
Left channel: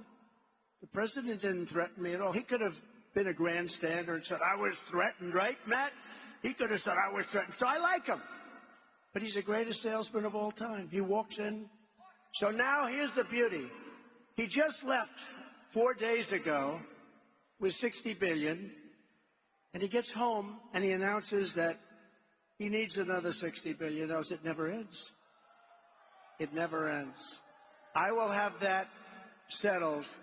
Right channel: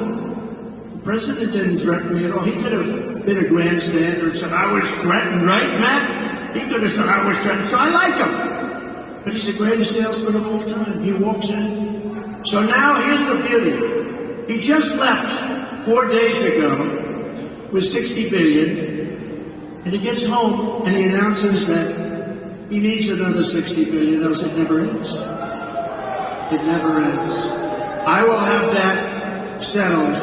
the president didn't threaten me at all. He could have been a grandstander and said, I was threatened, right, Matt? He could have said, I was threatened, so I like him. But he's the greatest salesman of all time. He walks in. So now here's the beauty. He just left 4 days ago with $60 billion, and he gets home and he announces that he needs another $60 billion, else it never ends. It never ends. I will have that settled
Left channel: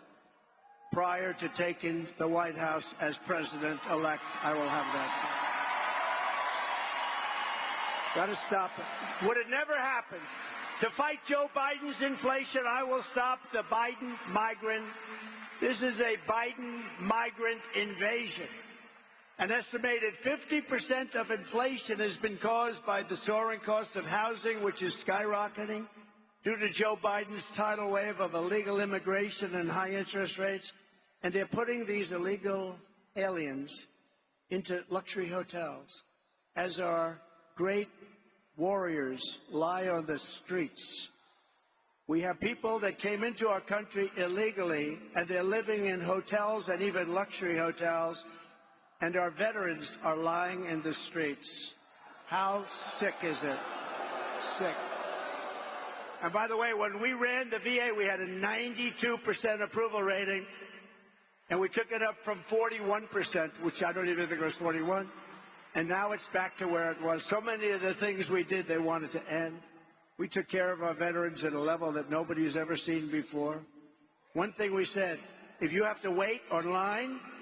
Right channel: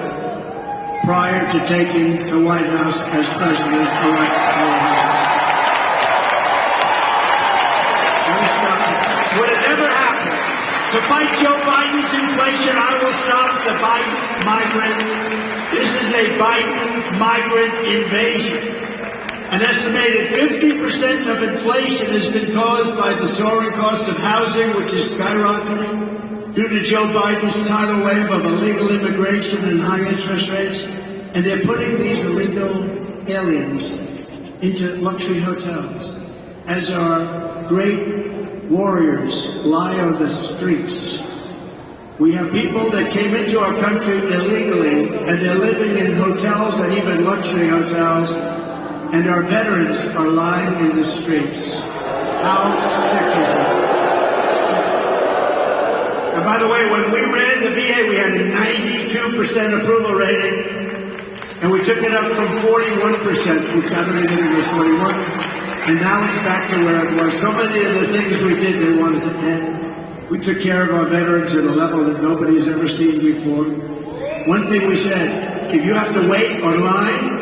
prior to taking the White House as president-elect. Would it ever happen? To fight Joe Biden's inflation, I will stop the Biden migrant. This is a Biden migrant invasion. An estimated 50% of inflation has been caused by the soaring cost of housing, which is skyrocketing due to Joe Biden's tidal wave of illegal immigration and high interest rates. And they're putting these illegal aliens into luxury hotels as our great warriors lie on the streets. We have people that came into our country illegally, and they're living in hotels and even luxury hotels, and our veterans are lying in the streets. How sick is it? Sick. And by the way, when we ran the VA, we had a 92% approval rating, and we took it up from 41%, which I don't even think was 41. And now it's back to where it was. So many of the things we did, they wanted to end. We took care of our veterans at a level that nobody has ever seen before. One thing we said, if you have to wait online,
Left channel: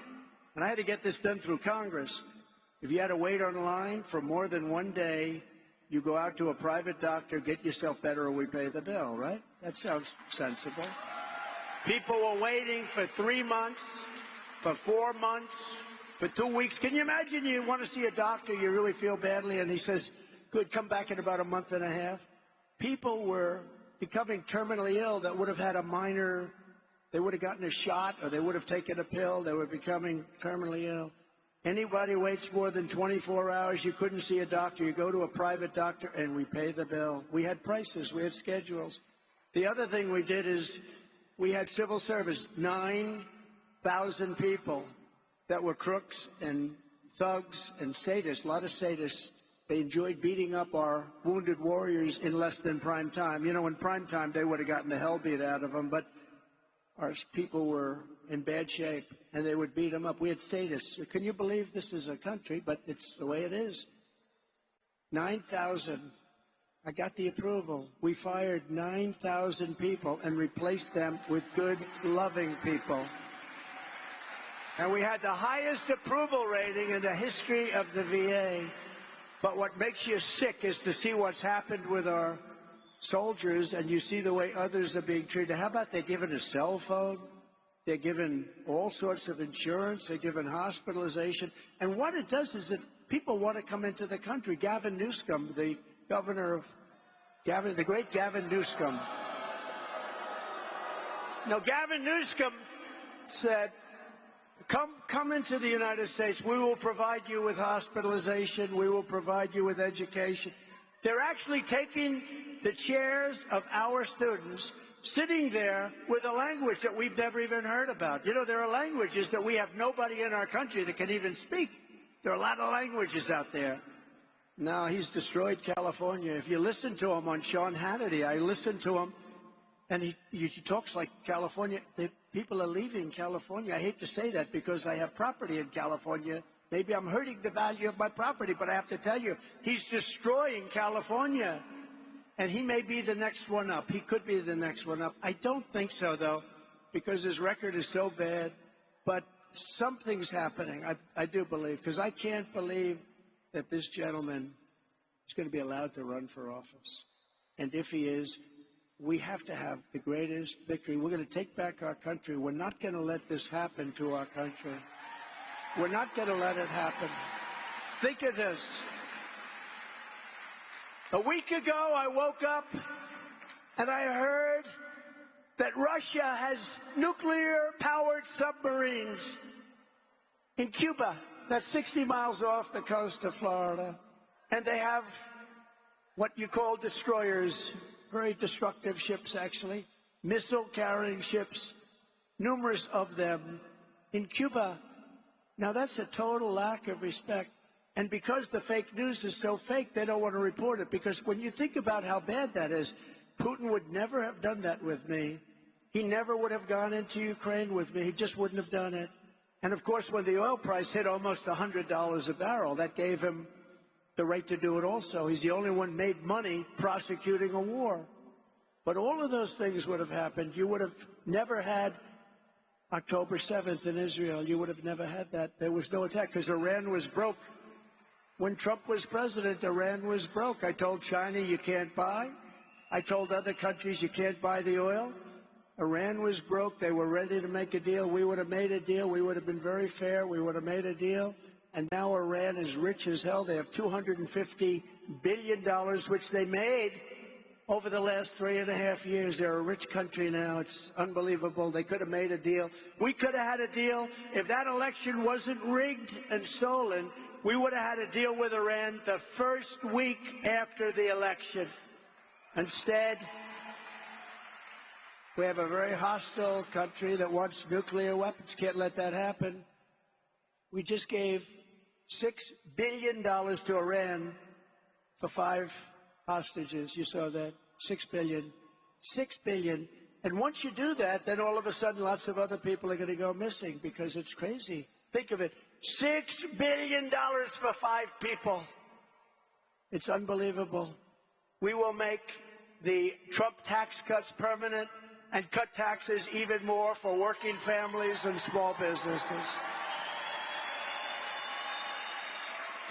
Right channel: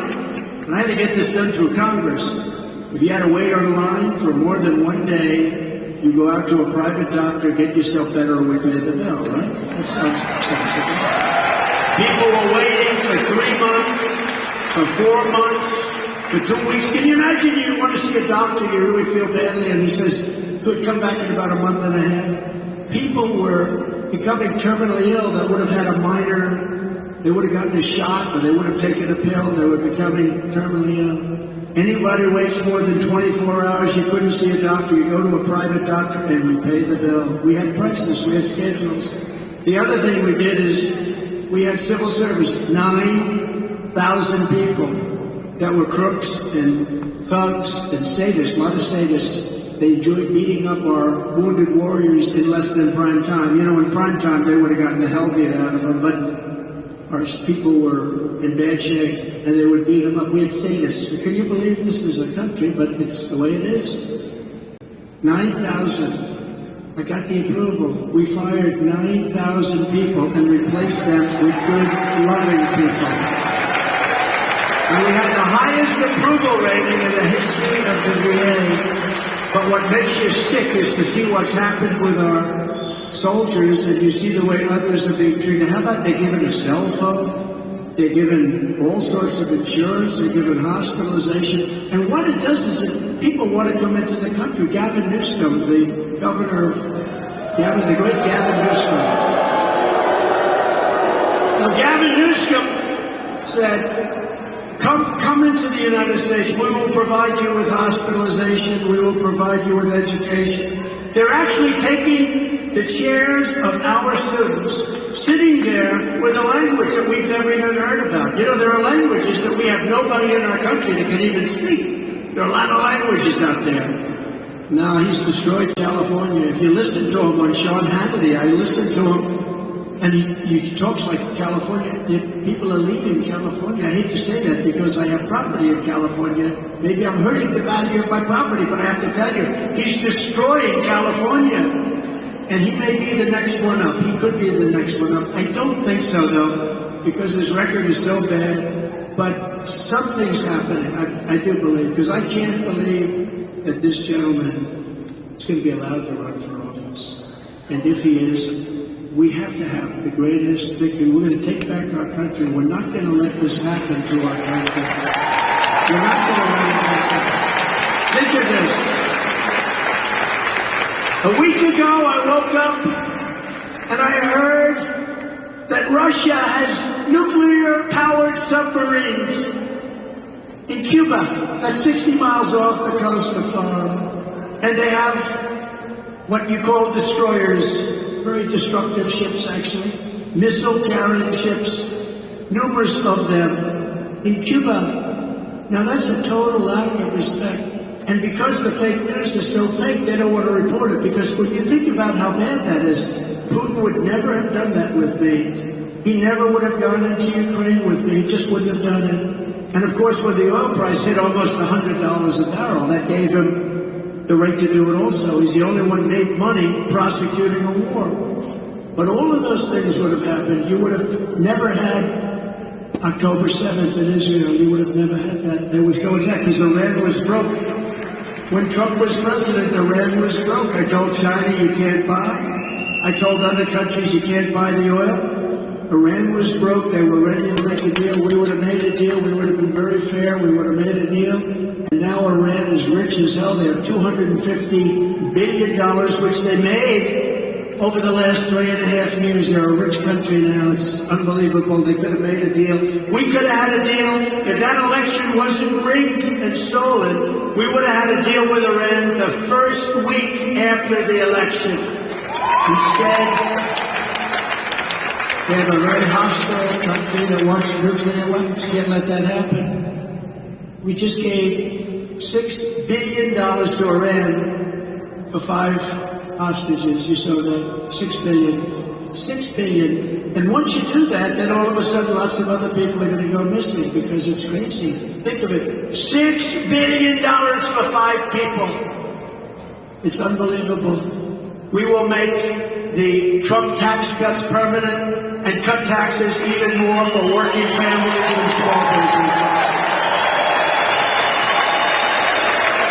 and I had to get this done through Congress, if you had to wait online for more than 1 day, you go out to a private doctor, get yourself better, or we pay the bill, right? That sounds sensible. People were waiting for 3 months, for 4 months, for 2 weeks. Can you imagine you want to see a doctor, you really feel badly, and he says, good, come back in about a month and a half. People were becoming terminally ill that would have had a minor, they would have gotten a shot, or they would have taken a pill, they were becoming terminally ill. Anybody who waits more than 24 hours, you couldn't see a doctor, you go to a private doctor and we pay the bill. We had prices, we had schedules. The other thing we did is we had civil service, 9,000 people that were crooks and thugs and sadists, a lot of sadists. They enjoyed beating up our wounded warriors in less than prime time. You know, in prime time, they would have gotten the hell beat out of them, but our people were in bad shape, and they would beat them up. We had sadists. Can you believe this is a country, but it's the way it is? 9,000. I got the approval. We fired 9,000 people and replaced them with good, loving people. And we had the highest approval rating in the history of the VA. But what makes you sick is to see what's happened with our soldiers and you see the way others are being treated. How about they're given a cell phone? They're given all sorts of insurance. They're given hospitalization. And what it does is that people want to come into the country. Gavin Newsom, the governor of the great Gavin Newsom. Well, Gavin Newsom said, come into the United States. We will provide you with hospitalization. We will provide you with education. They're actually taking the chairs of our students, sitting there with a language that we've never even heard about. You know, there are languages that we have nobody in our country that can even speak. There are a lot of languages out there. Now, he's destroyed California. If you listen to him on Sean Hannity, I listened to him, and he talks like California. People are leaving California. I hate to say that because I have property in California. Maybe I'm hurting the value of my property, but I have to tell you, he's destroying California. And he may be the next one up. He could be the next one up. I don't think so, though, because his record is so bad. But something's happening, I do believe, because I can't believe that this gentleman is going to be allowed to run for office. And if he is, we have to have the greatest victory. We're going to take back our country. We're not going to let this happen to our country. We're not going to let it happen. Think of this. A week ago, I woke up and I heard that Russia has nuclear-powered submarines in Cuba. That's 60 miles off the coast of Florida. And they have what you call destroyers. Very destructive ships, actually. Missile-carrying ships. Numerous of them in Cuba. Now, that's a total lack of respect. And because the fake news is so fake, they don't want to report it. Because when you think about how bad that is, Putin would never have done that with me. He never would have gone into Ukraine with me. He just wouldn't have done it. And, of course, when the oil price hit almost $100 a barrel, that gave him the right to do it also. He's the only one who made money prosecuting a war. But all of those things would have happened. You would have never had October 7th in Israel. You would have never had that. There was no attack because Iran was broke. When Trump was president, Iran was broke. I told China you can't buy. I told other countries you can't buy the oil. Iran was broke. They were ready to make a deal. We would have made a deal. We would have been very fair. We would have made a deal. And now Iran is rich as hell. They have $250 billion, which they made over the last 3.5 years. They're a rich country now. It's unbelievable. They could have made a deal. We could have had a deal. If that election wasn't rigged and stolen, we would have had a deal with Iran the first week after the election. Instead, they have a very hostile country that wants nuclear weapons. Can't let that happen. We just gave $6 billion to Iran for 5 hostages. You saw that. $6 billion. $6 billion. And once you do that, then all of a sudden lots of other people are going to go missing because it's crazy. Think of it. $6 billion for 5 people. It's unbelievable. We will make the Trump tax cuts permanent and cut taxes even more for working families and small businesses.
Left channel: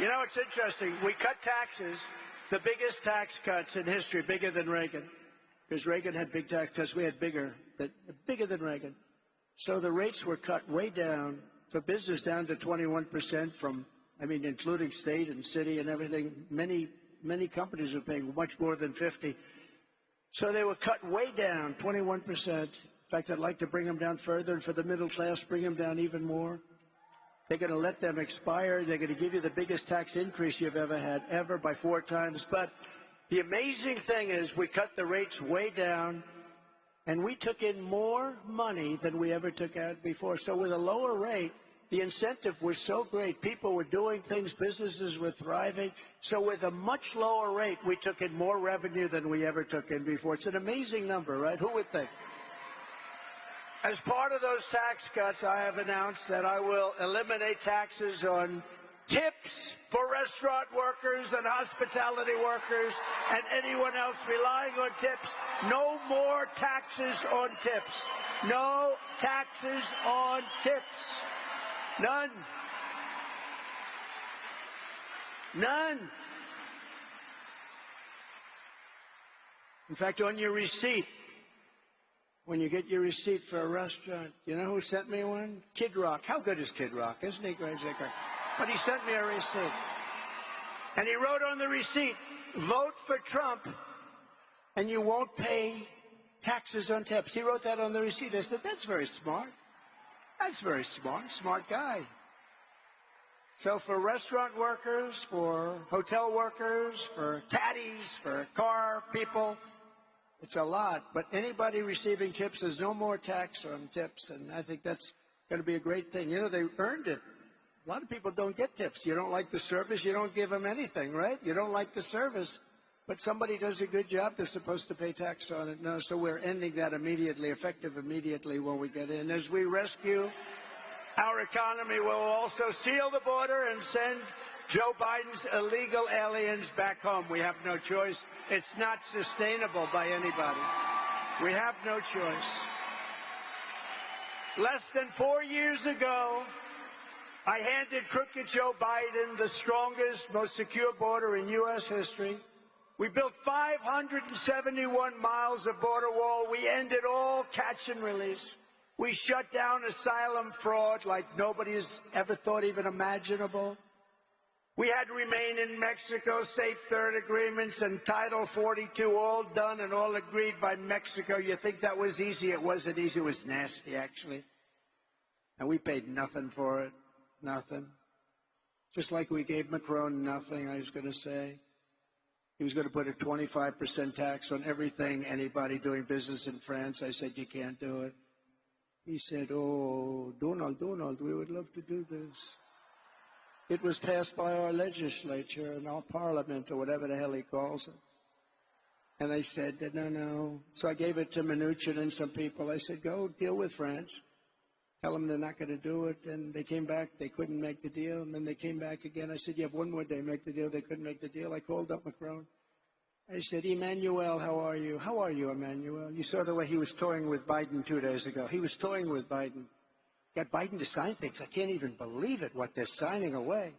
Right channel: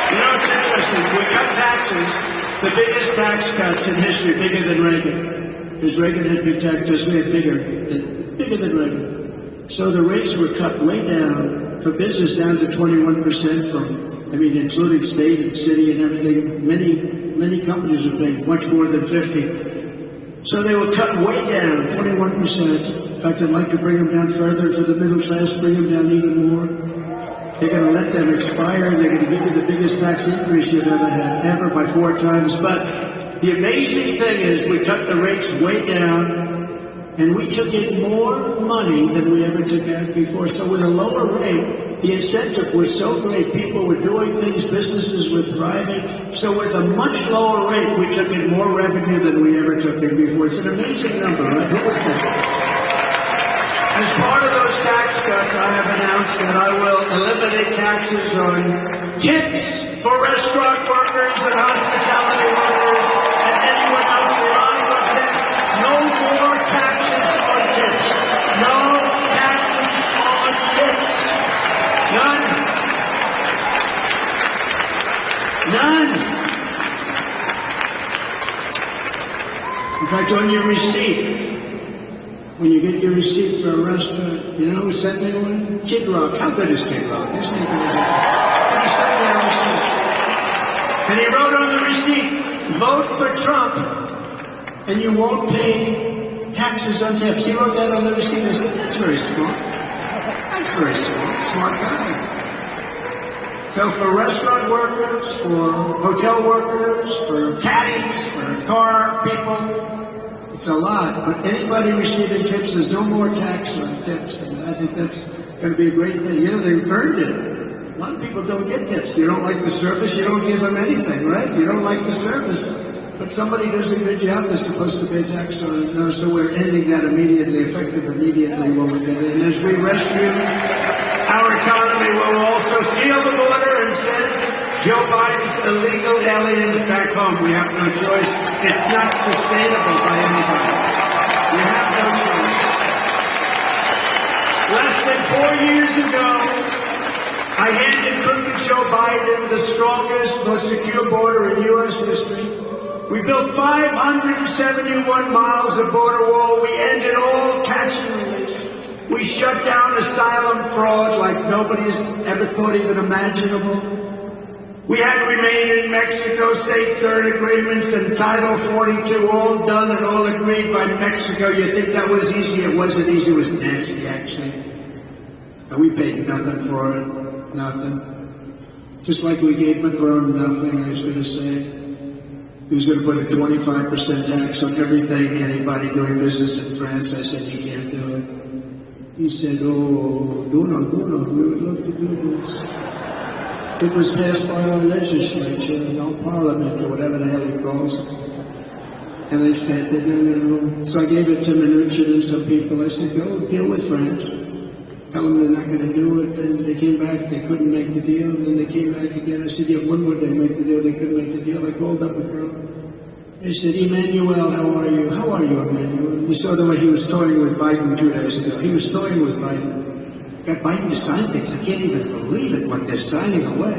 You know, it's interesting. We cut taxes, the biggest tax cuts in history, bigger than Reagan. Because Reagan had big taxes, we had bigger than Reagan. So the rates were cut way down, for business down to 21% from, including state and city and everything. Many companies are paying much more than 50. So they were cut way down, 21%. In fact, I'd like to bring them down further for the middle class, bring them down even more. They're going to let them expire, and they're going to give you the biggest tax increase you've ever had, ever, by 4 times. But the amazing thing is we cut the rates way down, and we took in more money than we ever took out before. So with a lower rate, the incentive was so great. People were doing things, businesses were thriving. So with a much lower rate, we took in more revenue than we ever took in before. It's an amazing number, right? Who would think? As part of those tax cuts, I have announced that I will eliminate taxes on tips for restaurant workers and hospitality workers and anyone else relying on tips. No more taxes on tips. No taxes on tips. None. None. In fact, on your receipt, when you get your receipt for a restaurant, you know who sent me one? Kid Rock. How good is Kid Rock? His name is He sent me a receipt. And he wrote on the receipt, vote for Trump, and you won't pay taxes on tips. He wrote that on the receipt. I said, that's very smart. That's very smart. Smart guy. So for restaurant workers, for hotel workers, for caddies, for car people, it's a lot. But anybody receiving tips, there's no more tax on tips. And I think that's going to be a great thing. You know, they earned it. A lot of people don't get tips. You don't like the service, you don't give them anything, right? You don't like the service. But somebody does a good job, they're supposed to pay tax on it. No, so we're ending that immediately, effective immediately when we get it. And as we rescue our economy, we'll also seal the border and send Joe Biden's illegal aliens back home. We have no choice. It's not sustainable by anybody. We have no choice. Less than 4 years ago, I handed crooked Joe Biden the strongest, most secure border in U.S. history. We built 571 miles of border wall. We ended all tax relief. We shut down asylum fraud like nobody's ever thought even imaginable. We had to remain in Mexico, state third agreements and Title 42 all done and all agreed by Mexico. You think that was easy? It wasn't easy. It was nasty, actually. And we paid nothing for it. Nothing. Just like we gave Macron nothing, I was going to say. He was going to put a 25% tax on everything, anybody doing business in France. I said, you can't do it. He said, oh, Donald, we would love to do this. It was passed by our legislature, our parliament, or whatever the hell he calls it. And I said, no. So I gave it to Mnuchin and some people. I said, go deal with France. Tell them they're not going to do it. And they came back, they couldn't make the deal. And then they came back again. I said, yeah, when would they make the deal? They couldn't make the deal. I called up Macron. I said, Emmanuel, how are you? How are you, Emmanuel? You saw the way he was toying with Biden 2 days ago. He was toying with Biden. Got Biden to sign things. I can't even believe it, what they're signing away.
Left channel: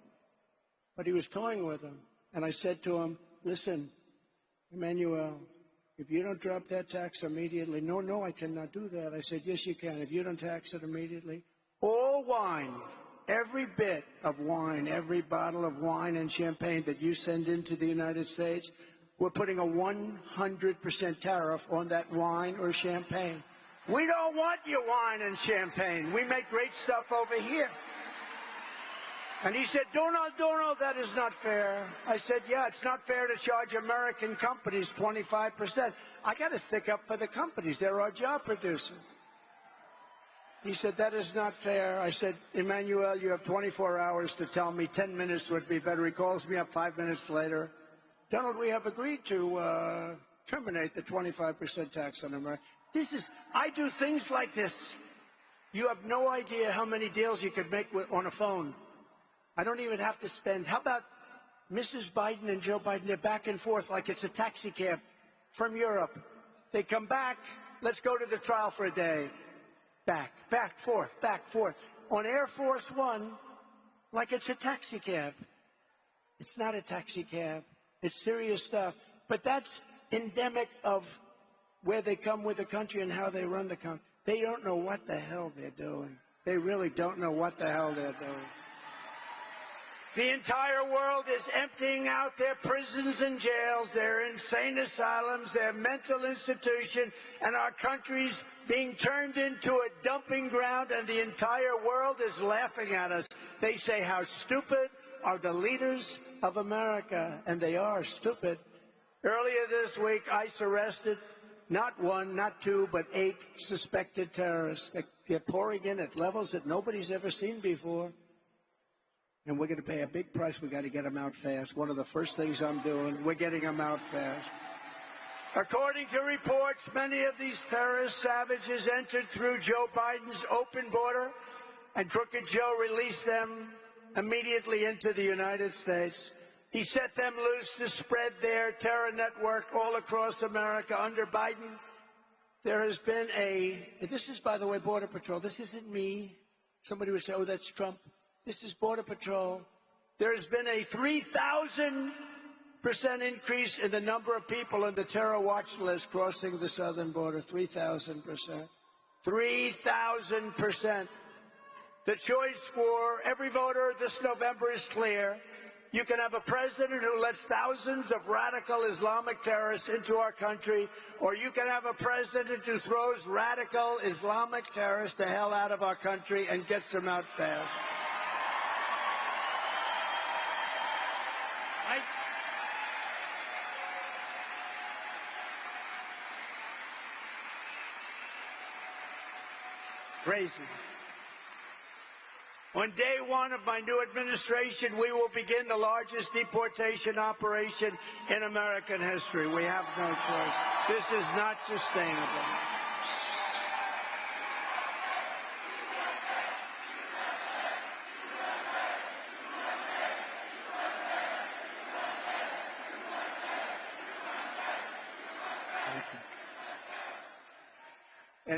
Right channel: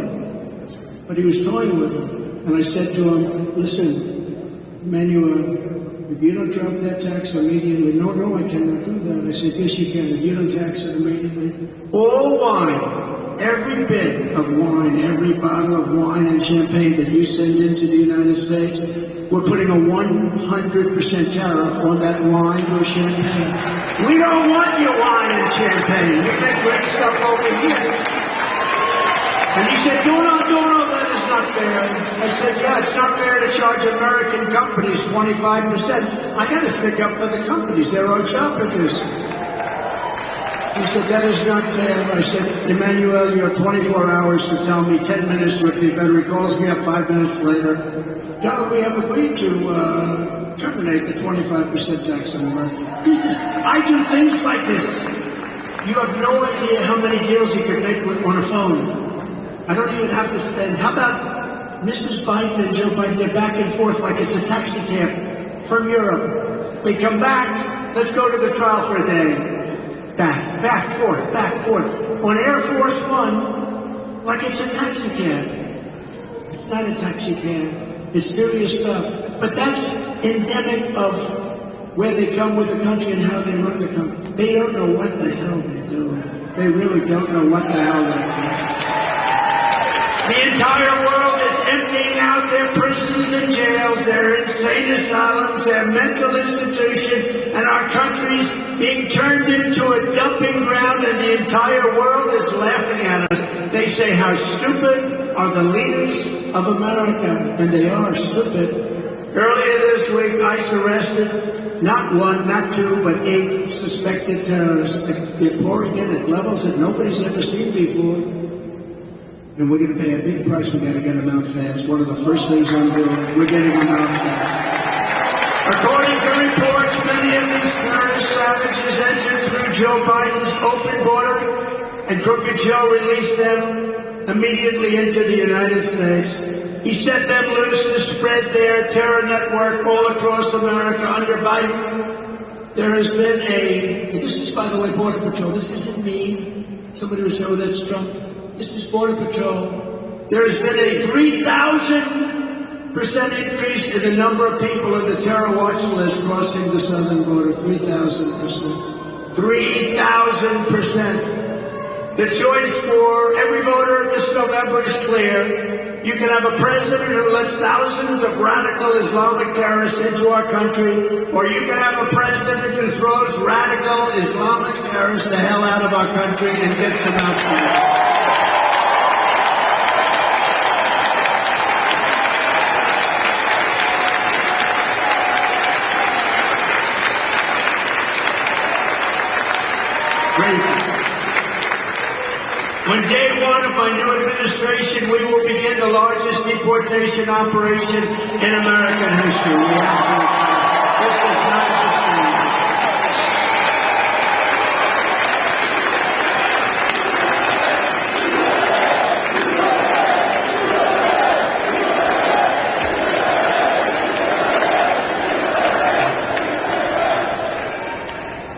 But he was toying with him. And I said to him, listen, Emmanuel, if you don't drop that tax immediately, no, I cannot do that. I said, yes, you can. If you don't tax it immediately, all wine, every bit of wine, every bottle of wine and champagne that you send into the United States, we're putting a 100% tariff on that wine and champagne. We don't want your wine and champagne. You make great stuff over here. And he said, Donald, that is not fair. I said, yeah, it's not fair to charge American companies 25%. I got to stick up for the companies. They're our job producers. He said, that is not fair. I said, Emmanuel, you have 24 hours to tell me. 10 minutes would be better. He calls me up 5 minutes later. Yeah, we have agreed to terminate the 25% tax on America. I do things like this. You have no idea how many deals you can make on a phone. I don't even have to spend. How about Mrs. Biden and Joe Biden? They're back and forth like it's a taxi cab from Europe. They come back. Let's go to the trial for a day. Back, forth. On Air Force One, like it's a taxi cab. It's not a taxi cab. It's serious stuff. But that's endemic of where they come with the country and how they run the country. They don't know what the hell they're doing. They really don't know what the hell they're doing. The entire world is emptying out their prisons and jails, their insane asylums, their mental institutions, and our country's being turned into a dumping ground, and the entire world is laughing at us. They say, how stupid are the leaders of America, and they are stupid. Earlier this week, ICE arrested not 1, not 2, but 8 suspected terrorists. They're pouring in at levels that nobody's ever seen before. And we're going to pay a big price. We've got to get them out fast. One of the first things I'm doing, we're getting them out fast. According to reports, many of these terrorist savages entered through Joe Biden's open border, and Crooked Joe released them immediately into the United States. He set them loose to spread their terror network all across America under Biden. There has been this is, by the way, Border Patrol. This isn't me. Somebody will say, oh, that's Trump. This is Border Patrol. There has been a 3,000 increase in the number of people on the terror watch list crossing the southern border, 3,000%. 3,000%. The choice for every voter this November is clear. You can have a president who lets thousands of radical Islamic terrorists into our country, or you can have a president who throws radical Islamic terrorists the hell out of our country and gets them out fast. On day one of my new administration, we will begin the largest deportation operation in American history. We have to. This is not sustainable.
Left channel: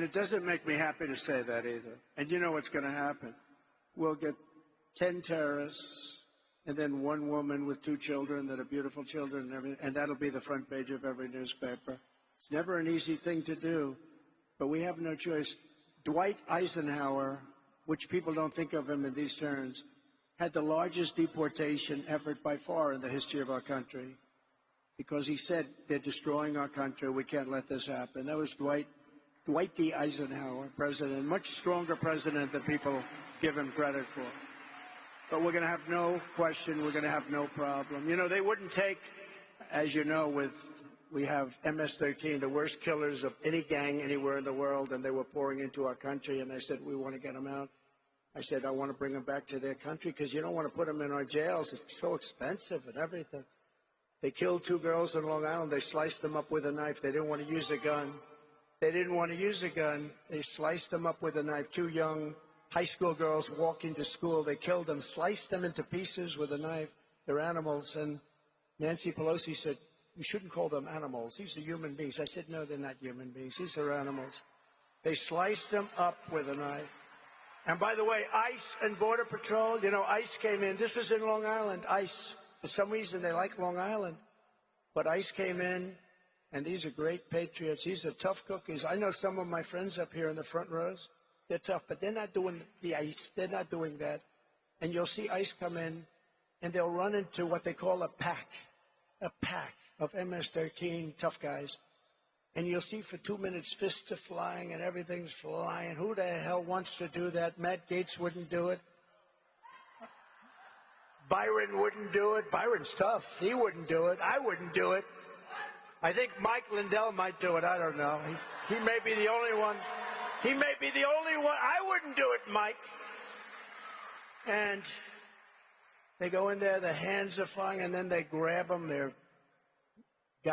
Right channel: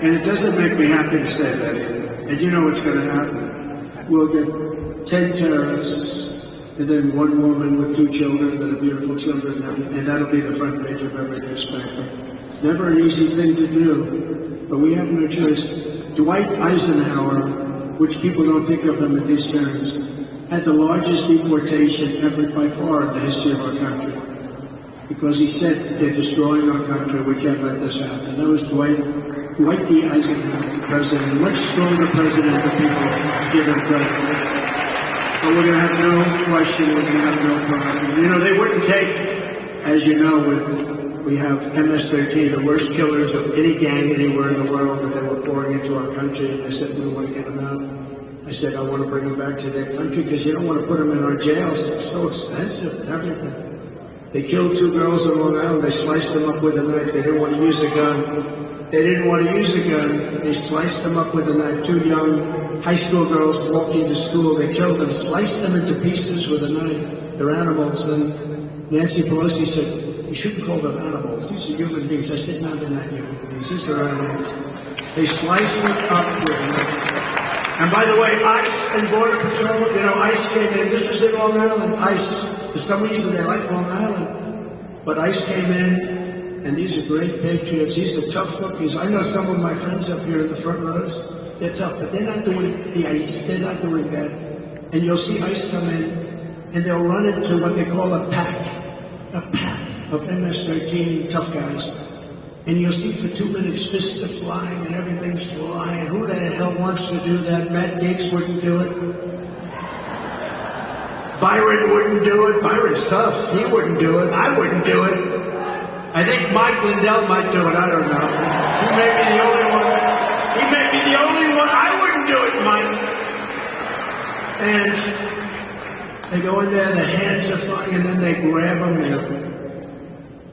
And it doesn't make me happy to say that. And you know what's going to happen. We'll get 10 terrorists, and then one woman with 2 children that are beautiful children, and that'll be the front page of every newspaper. It's never an easy thing to do, but we have no choice. Dwight Eisenhower, which people don't think of him in these terms, had the largest deportation ever by far in the history of our country. Because he said, they're destroying our country, we can't let this happen. That was Dwight D. Eisenhower, president, a much stronger president than people give him credit for. But we're going to have no question, we're going to have no problem. You know, they wouldn't take, as you know, we have MS-13, the worst killers of any gang anywhere in the world, and they were pouring into our country, and they said, we don't want to get them out. I said, I want to bring them back to their country, because you don't want to put them in our jails. It's so expensive and everything. They killed 2 girls on Long Island. They sliced them up with a knife. They didn't want to use a gun. They didn't want to use a gun. They sliced them up with a knife. 2 young high school girls walking to school. They killed them, sliced them into pieces with a knife. They're animals. And Nancy Pelosi said, you shouldn't call them animals. These are human beings. I said, no, they're not human beings. These are animals. They sliced them up with a knife. And by the way, ICE and Border Patrol, you know, ICE came in. This is in Long Island. ICE, for some reason, they like Long Island. But ICE came in. And these are great patriots. These are tough cookies. I know some of my friends up here in the front rows. They're tough, but they're not doing the ICE. They're not doing that. And you'll see ICE come in, and they'll run into what they call a pack of MS-13 tough guys. And you'll see for 2 minutes fists are flying and everything's flying. Who the hell wants to do that? Matt Gaetz wouldn't do it. Byron wouldn't do it. Byron's tough. He wouldn't do it. I wouldn't do it. I think Mike Lindell might do it. I don't know. He may be the only one. He may be the only one. I wouldn't do it, Mike. And they go in there, the hands are flying, and then they grab them. They're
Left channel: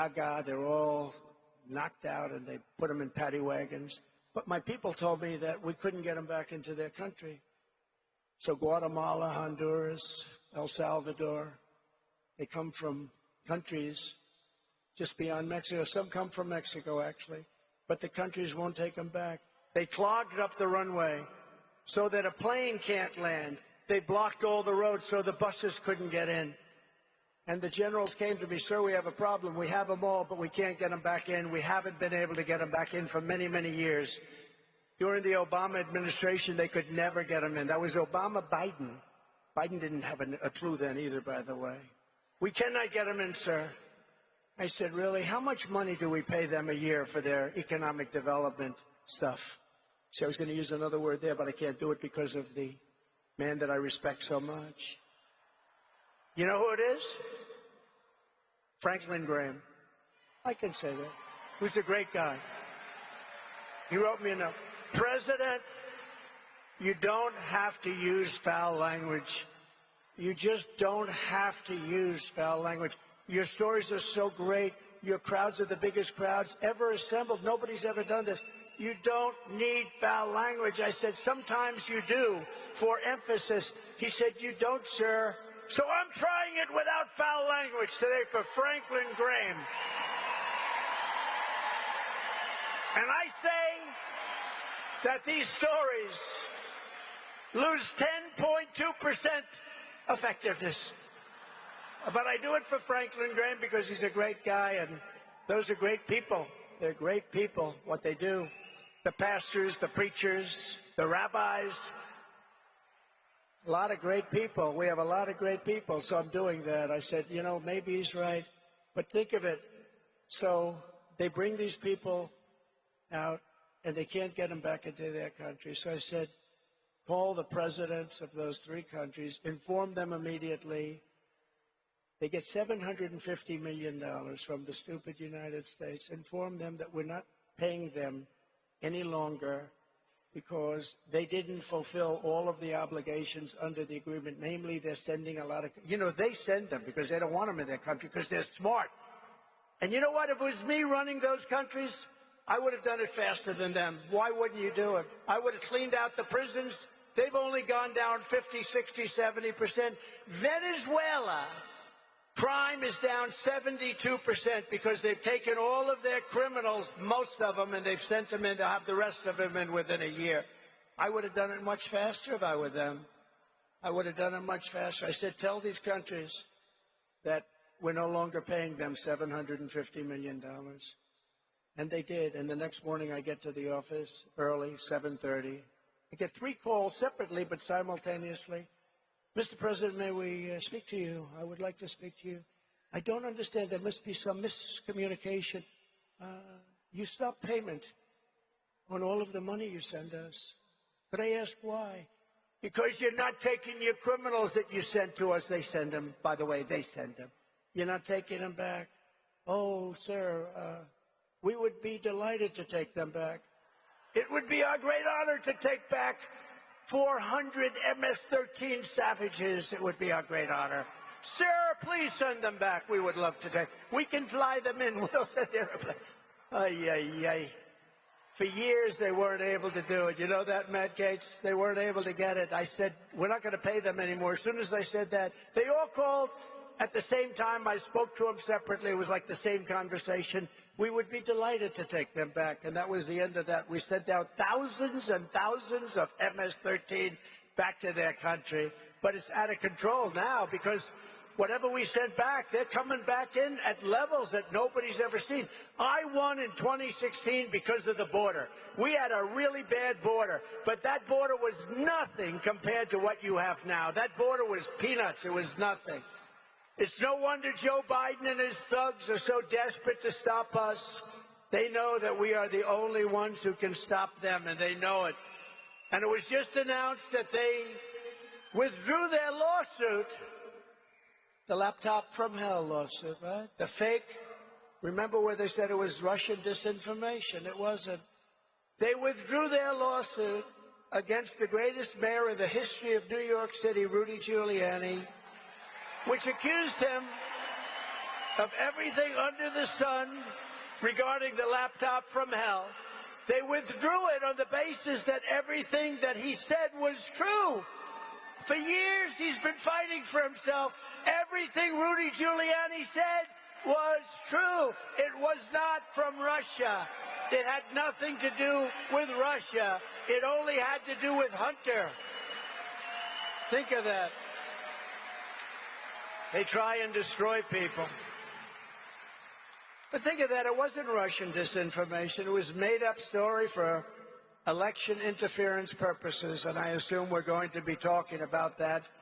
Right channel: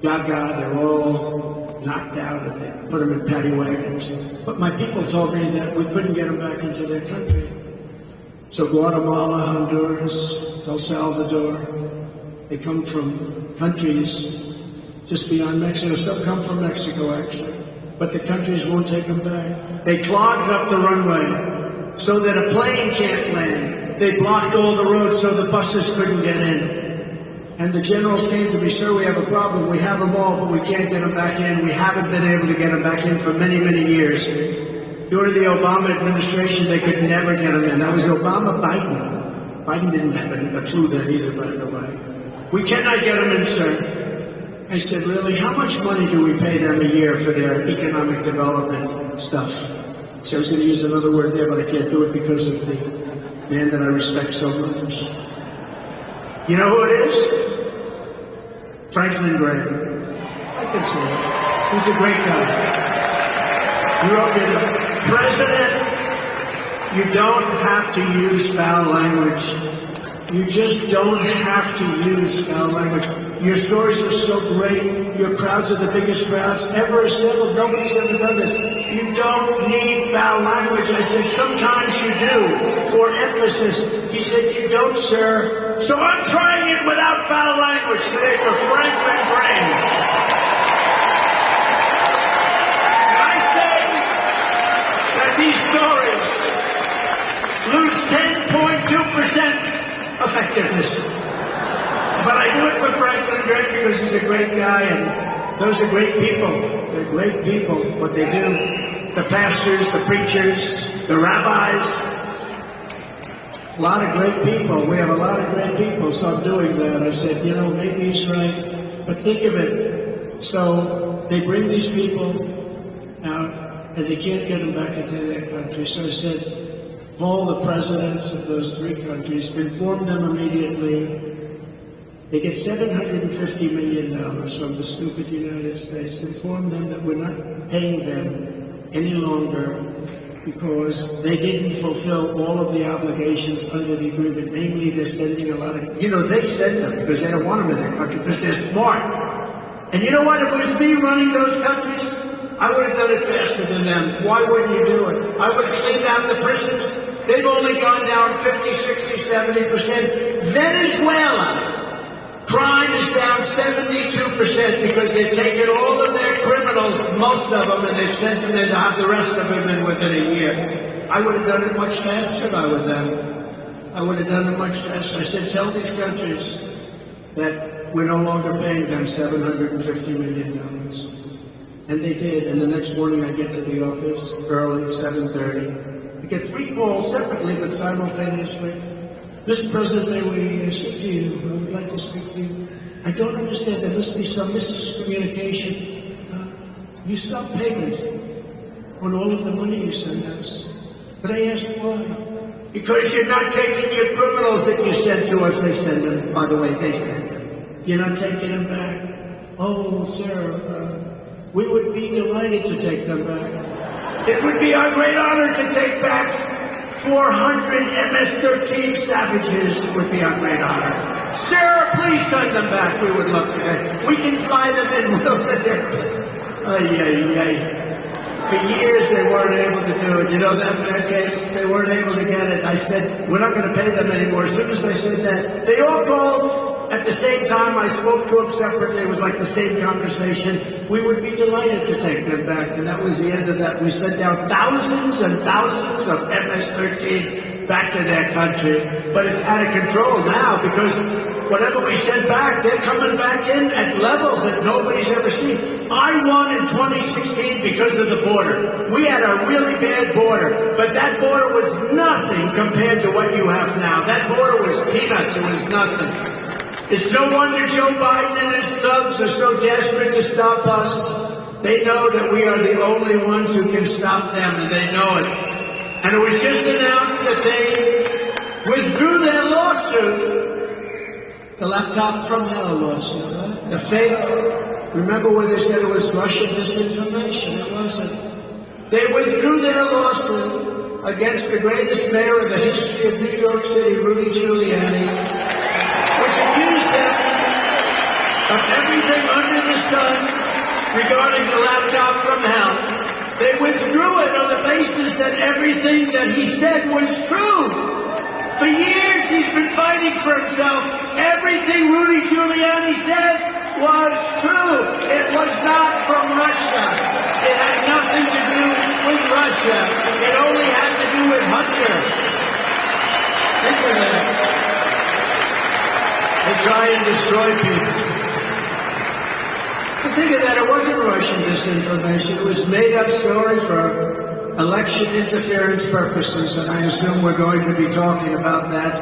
gaga. They're all knocked out, and they put them in paddy wagons. But my people told me that we couldn't get them back into their country. So Guatemala, Honduras, El Salvador, they come from countries just beyond Mexico. Some come from Mexico, actually. But the countries won't take them back. They clogged up the runway so that a plane can't land. They blocked all the roads so the buses couldn't get in. And the generals came to me, sir, we have a problem. We have them all, but we can't get them back in. We haven't been able to get them back in for many, many years. During the Obama administration, they could never get them in. That was Obama-Biden. Biden didn't have a clue there either, by the way. We cannot get them in, sir. I said, really, how much money do we pay them a year for their economic development stuff? So I was going to use another word there, but I can't do it because of the man that I respect so much. You know who it is? Franklin Graham. I can say that. He's a great guy. He wrote me, President, you don't have to use foul language. You just don't have to use foul language. Your stories are so great. Your crowds are the biggest crowds ever assembled. Nobody's ever done this. You don't need foul language. I said, sometimes you do, for emphasis. He said, you don't, sir. So I'm trying it without foul language today for Franklin Graham. And I say that these stories lose 10.2% effectiveness. But I do it for Franklin Graham because he's a great guy, and those are great people. They're great people, what they do. The pastors, the preachers, the rabbis. A lot of great people. We have a lot of great people, so I'm doing that. I said, you know, maybe he's right, but think of it. So they bring these people out, and they can't get them back into their country. So I said, all the presidents of those three countries, inform them immediately. They get $750 million from the stupid United States. Inform them that we're not paying them any longer because they didn't fulfill all of the obligations under the agreement. Namely, they're spending a lot of, you know, they send them because they don't want them in their country because they're smart. And you know what? If it was me running those countries, I would have done it faster than them. Why wouldn't you do it? I would have cleaned out the prisons. They've only gone down 50, 60, 70%. Venezuela. Crime is down 72% because they've taken all of their criminals, most of them, and they've sent them in to have the rest of them in within a year. I would have done it much faster if I were them. I would have done it much faster. I said, tell these countries that we're no longer paying them $750 million. And they did. And the next morning I get to the office early, 7:30. I get three calls separately but simultaneously. Mr. President, may we speak to you? I would like to speak to you. I don't understand. There must be some miscommunication. You stop payment on all of the money you send us. But I asked why. Because you're not taking your criminals that you sent to us. They send them. By the way, they send them. You're not taking them back. Oh, sir, we would be delighted to take them back. It would be our great honor to take back 400 MS-13 savages. It would be our great honor. Sir, please send them back. We would love to. We can fly them in. For years they weren't able to do it. You know that in their case, they weren't able to get it. I said, we're not going to pay them anymore. As soon as I said that, they all called. At the same time, I spoke to them separately. It was like the same conversation. We would be delighted to take them back. And that was the end of that. We sent down thousands and thousands of MS-13 back to their country. But it's out of control now because whatever we send back, they're coming back in at levels that nobody's ever seen. I won in 2016 because of the border. We had a really bad border, but that border was nothing compared to what you have now. That border was peanuts. It was nothing. It's no wonder Joe Biden and his thugs are so desperate to stop us. They know that we are the only ones who can stop them, and they know it. And it was just announced that they withdrew their lawsuit, the laptop from hell lawsuit, the fake. Remember when they said it was Russian disinformation? It wasn't. They withdrew their lawsuit against the greatest mayor in the history of New York City, Rudy Giuliani, which accused him of everything under the sun regarding the laptop from hell. They withdrew it on the basis that everything that he said was true. For years he's been fighting for himself. Everything Rudy Giuliani said was true. It was not from Russia. It had nothing to do with Russia. It only had to do with Hunter. Think of that. They try and destroy people. But think of that, it wasn't Russian disinformation. It was made up story for election interference purposes, and I assume we're going to be talking about that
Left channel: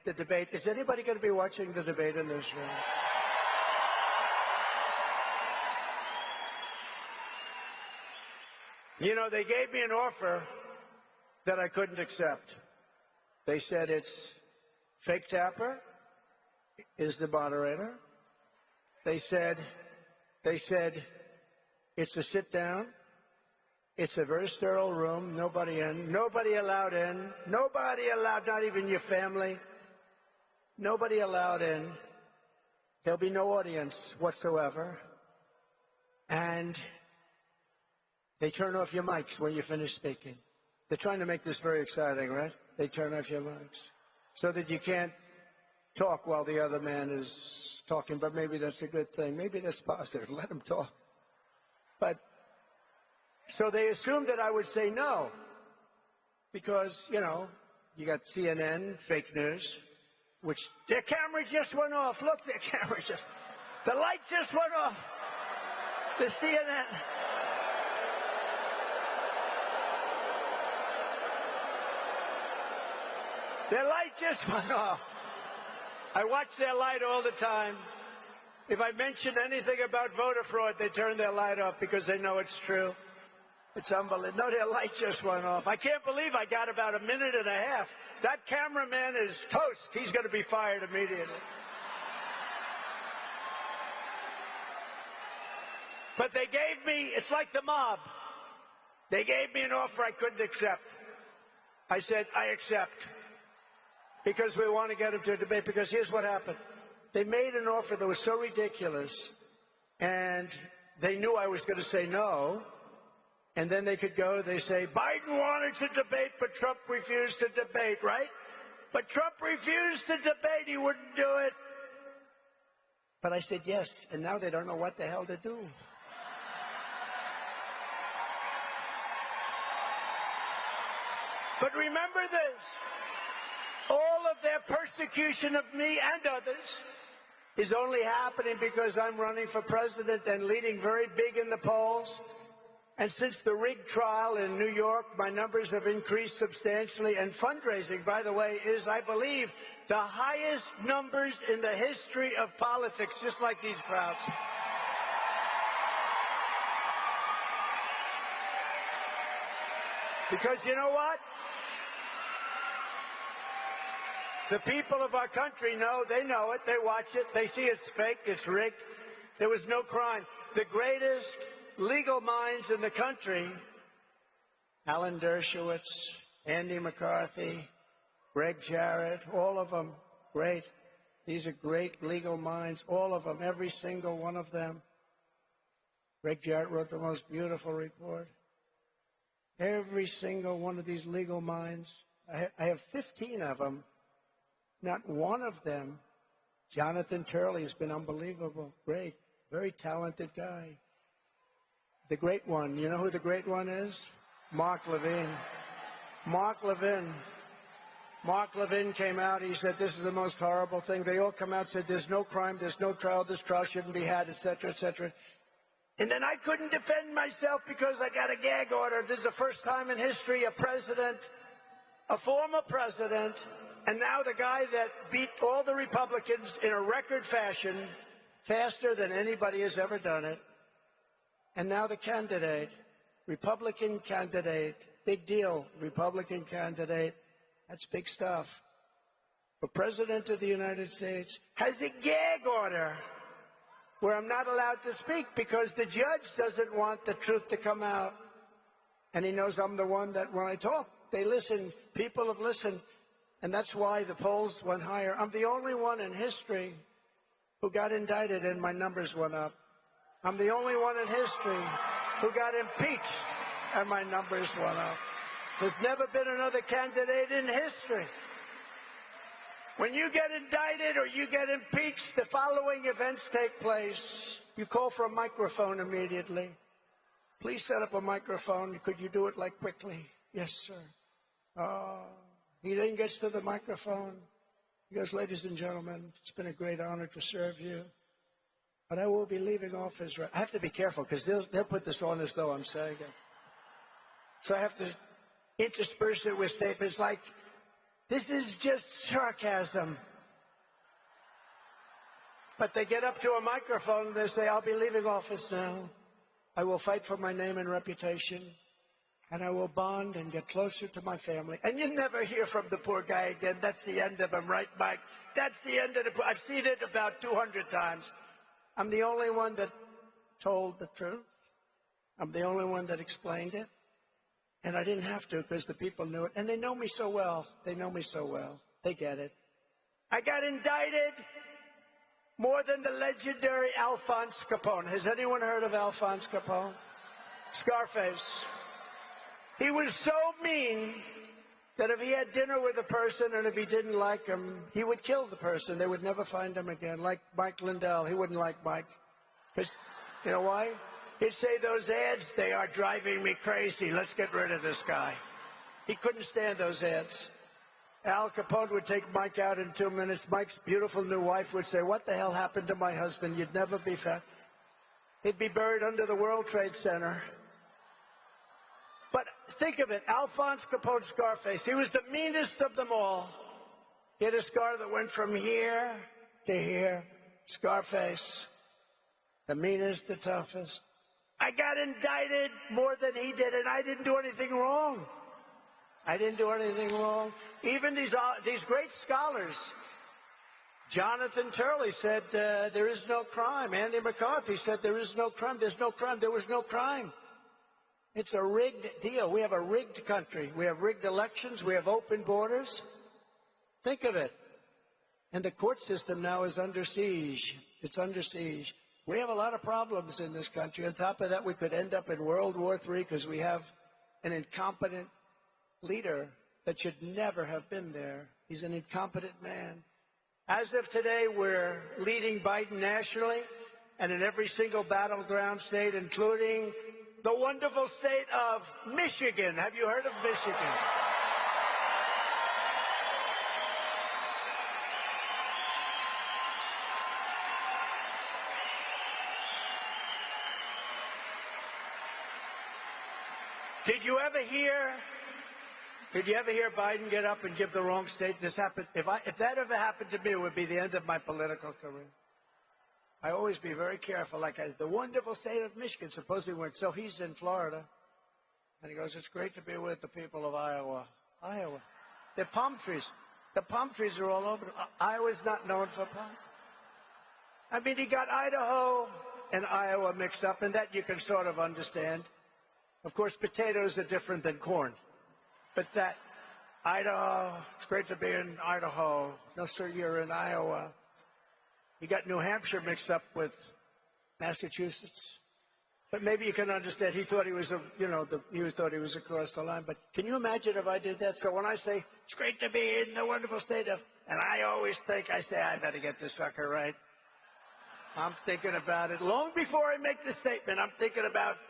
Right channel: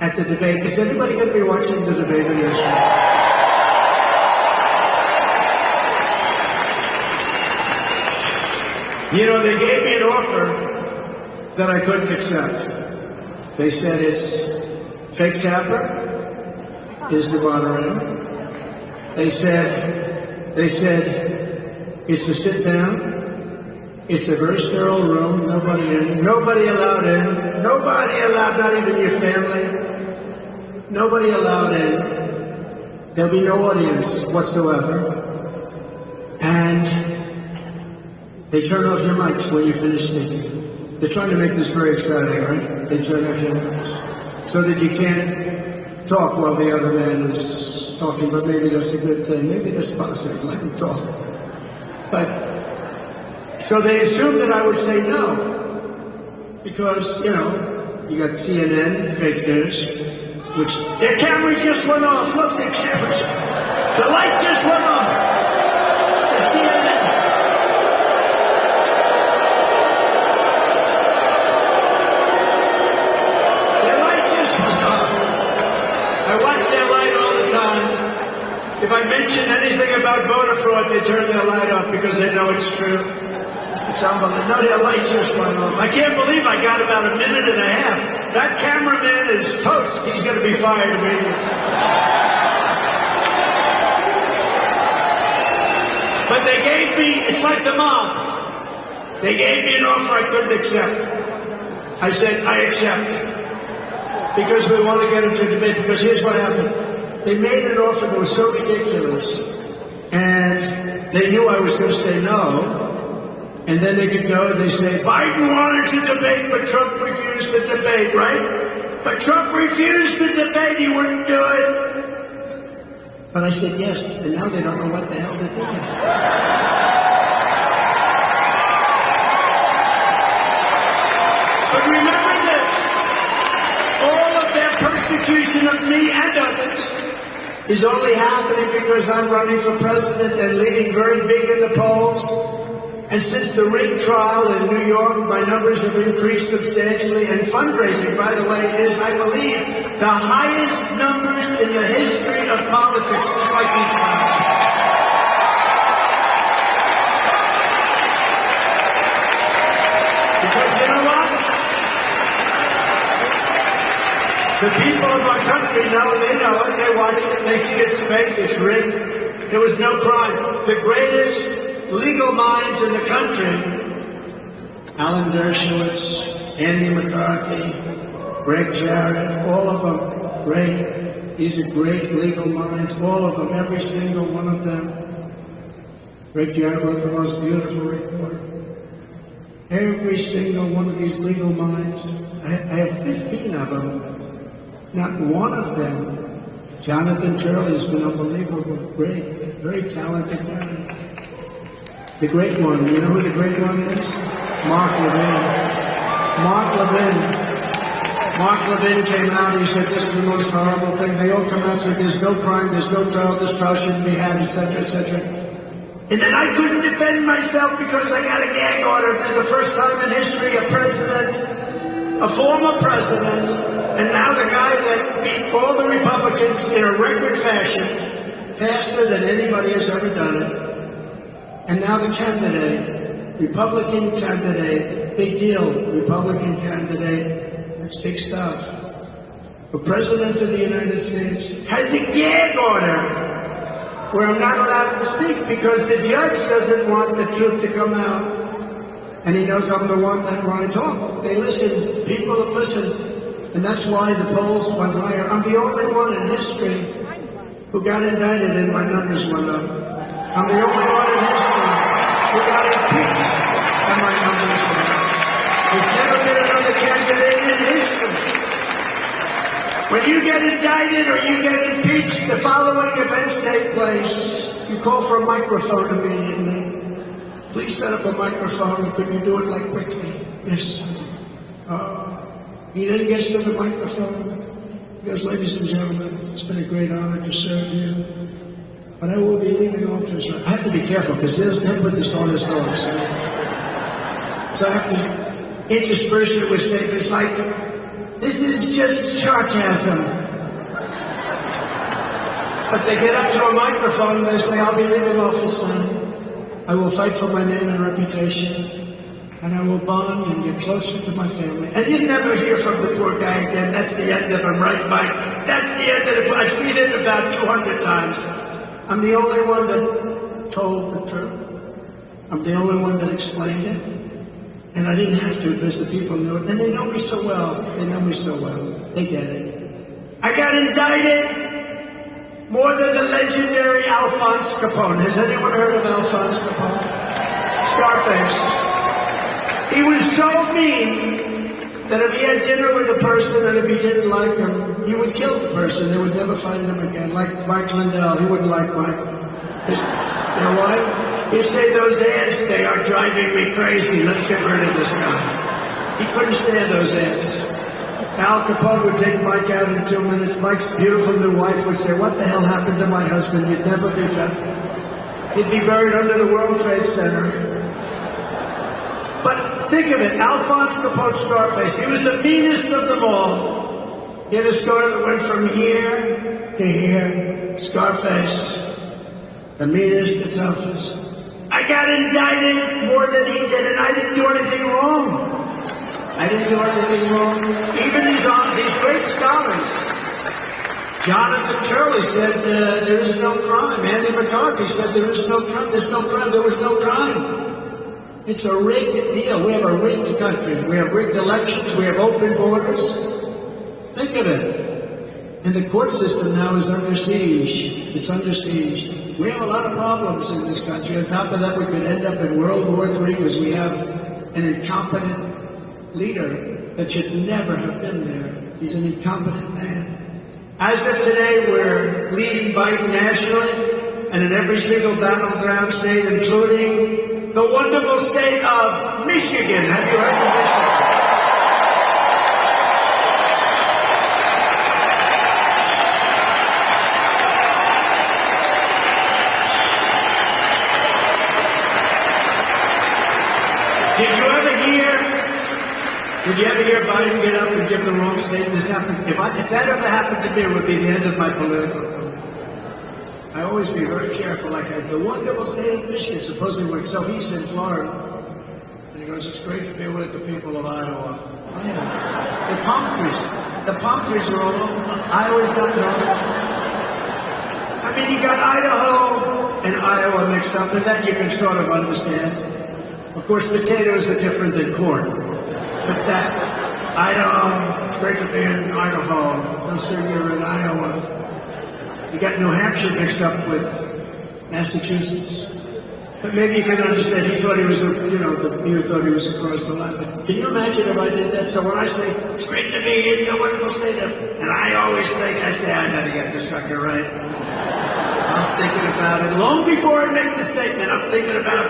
at the debate. Is anybody going to be watching the debate in this one? You know, they gave me an offer that I couldn't accept. They said it's fake Tapper is the moderator. They said it's a sit down. It's a very sterile room. Nobody in. Nobody allowed in. Nobody allowed, not even your family. Nobody allowed in. There'll be no audience whatsoever. And they turn off your mics when you finish speaking. They're trying to make this very exciting, right? They turn off your mics so that you can't talk while the other man is talking, but maybe that's a good thing. Maybe that's positive, let him talk. But, so they assumed that I would say no. Because, you know, you got CNN, fake news. which their camera just went off. Look, their cameras. The light just went off. Their light just went off. I watch their light all the time. If I mention anything about voter fraud, they turn their light off because they know it's true. It's unbelievable. No, their light just went off. I can't believe I got about a minute and a half. That cameraman is toast. He's going to be fired immediately. But they gave me, it's like the mob. They gave me an offer I couldn't accept. I said, I accept. Because we want to get into debate. Because here's what happened. They made an offer that was so ridiculous. And they knew I was going to say no. And then they could go and they say, Biden wanted to debate, but Trump refused to debate, right? But Trump refused to debate, he wouldn't do it. But I said yes, and now they don't know what the hell they're doing. But remember this, all of their persecution of me and others is only happening because I'm running for president and leading very big in the polls. And since the rig trial in New York, my numbers have increased substantially. And fundraising, by the way, is, I believe, the highest numbers in the history of politics, despite these times. Because you know what? The people of our country know, they know it, they watch it, they think it's fake, it's rigged. There was no crime. The greatest legal minds in the country, Alan Dershowitz, Andy McCarthy, Greg Jarrett, all of them, great. These are great legal minds, all of them, every single one of them. Greg Jarrett wrote the most beautiful report. Every single one of these legal minds, I have 15 of them. Not one of them. Jonathan Turley has been unbelievable, great, very talented guy. The great one, you know who the great one is? Mark Levin. Mark Levin. Mark Levin came out, he said, this is the most horrible thing. They all come out and said, there's no crime, there's no trial, this trial shouldn't be had, etc., etc. And then I couldn't defend myself because I got a gag order. This is the first time in history a president, a former president, and now the guy that beat all the Republicans in a record fashion, faster than anybody has ever done it. And now the candidate, Republican candidate, big deal, Republican candidate, it's big stuff. The President of the United States has a gag order where I'm not allowed to speak because the judge doesn't want the truth to come out. And he knows I'm the one that when I talk, they listen, people listen. And that's why the polls went higher. I'm the only one in history who got indicted and my numbers went up. I'm the only one in history who got impeached and my numbers went up. There's never been another candidate in history. When you get indicted or you get impeached, the following events take place. You call for a microphone immediately. Please set up a microphone. Could you do it like quickly? Yes. He then gets to the microphone. Yes, ladies and gentlemen, it's been a great honor to serve you. But I will be leaving office. I have to be careful because they'll put this on his nose. So I have to intersperse it with statements like, this is just sarcasm. But they get up to a microphone and they say, I'll be leaving office now. I will fight for my name and reputation. And I will bond and get closer to my family. And you never hear from the poor guy again. That's the end of him, right, Mike? That's the end of the... I've seen it about 200 times. I'm the only one that told the truth. I'm the only one that explained it. And I didn't have to because the people knew it. And they know me so well. They know me so well. They get it. I got indicted more than the legendary Alphonse Capone. Has anyone heard of Alphonse Capone? Scarface. He was so mean that if he had dinner with a person and if he didn't like him, he would kill the person. They would never find him again. Like Mike Lindell, he wouldn't like Mike. Just, you know why? He said, those ads, they are driving me crazy. Let's get rid of this guy. He couldn't stand those ads. Al Capone would take a bike out in 2 minutes. Mike's beautiful new wife would say, "What the hell happened to my husband? You'd never be found." He'd be buried under the World Trade Center. But think of it, Alphonse Capone Scarface, he was the meanest of them all. He had a scar that went from here to here. Scarface, the meanest, the toughest. I got indicted more than he did, and I didn't do anything wrong. I didn't do anything wrong. Even these great scholars, Jonathan Turley said there is no crime. Andy McCarthy said there is no crime. There's no crime. There was no crime. It's a rigged deal. We have a rigged country. We have rigged elections. We have open borders. Think of it. And the court system now is under siege. It's under siege. We have a lot of problems in this country. On top of that, we could end up in World War III because we have an incompetent leader that should never have been there. He's an incompetent man. As of today, we're leading Biden nationally and in every single battleground state, including the wonderful state of Michigan. Have you heard of Michigan? Did you ever hear Biden get up and give the wrong statement? If that ever happened to me, it would be the end of my political career. I always be very careful, like the wonderful state of Michigan, supposedly, so he's in Florida. And he goes, "It's great to be with the people of Iowa." Oh, yeah. The palm trees are all over. Iowa's not notified. I mean, you got Idaho and Iowa mixed up, and that you can sort of understand. Of course, potatoes are different than corn. But that, Idaho, it's great to be in Idaho. They'll say you're in Iowa. You got New Hampshire mixed up with Massachusetts. But maybe you can understand, he thought he was, he thought he was across the line. But can you imagine if I did that? So when I say, "It's great to be in the wonderful state of," and I always think, I say, I better get this sucker right. I'm thinking about it. Long before I make the statement, I'm thinking about,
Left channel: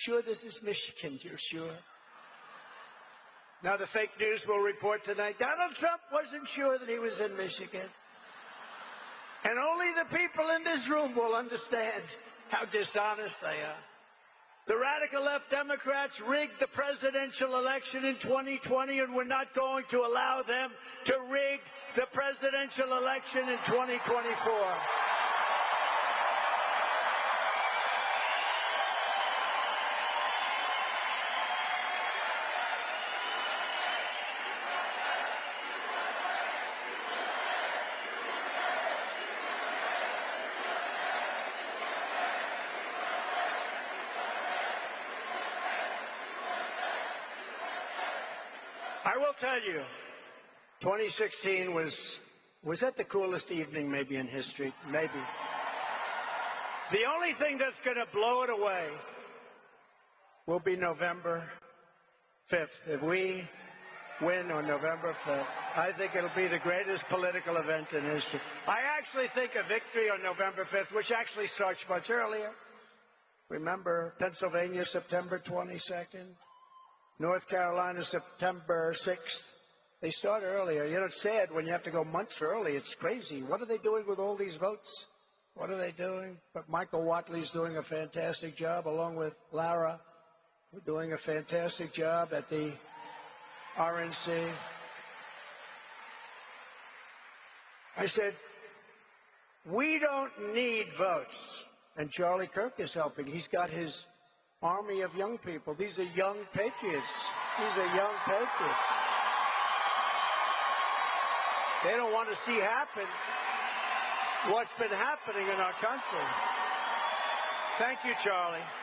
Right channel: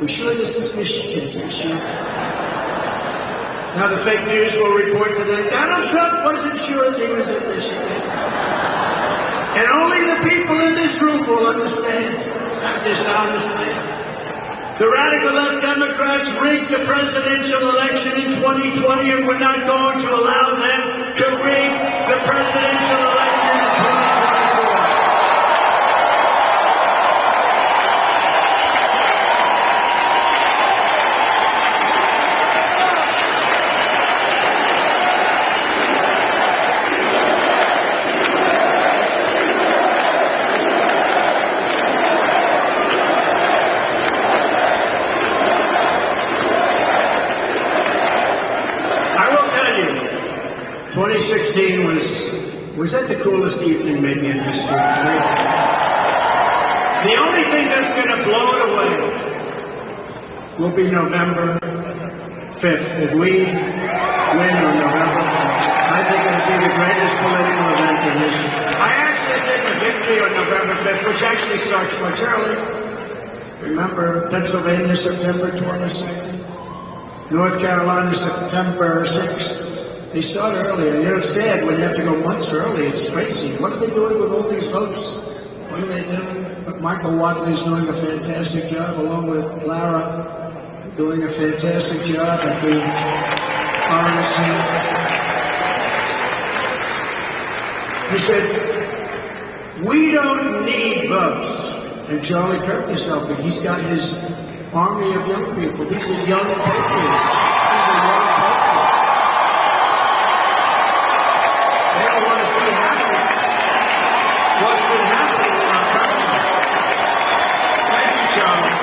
you sure this is Michigan? You sure? Now the fake news will report today, Donald Trump wasn't sure that he was in Michigan. And only the people in this room will understand how dishonestly. The radical left Democrats rigged the presidential election in 2020, and we're not going to allow them to rig the presidential election in 2024. Was that the coolest evening maybe in history? Maybe. The only thing that's going to blow it away will be November 5th. If we win on November 5th, I think it'll be the greatest political event in history. I actually think the victory on November 5th, which actually starts much early. Remember, Pennsylvania, September 22nd. North Carolina, September 6th. They start earlier. You know, it's sad when you have to go months early. It's crazy. What are they doing with all these votes? What are they doing? Michael Watley's doing a fantastic job, along with Lara, doing a fantastic job at the RNC. He said, "We don't need votes." And Charlie Kirk is helping. He's got his army of young people. These are young patriots. These are young patriots. They don't want us to be happy. What's been happening in our country? Thank you, Charlie.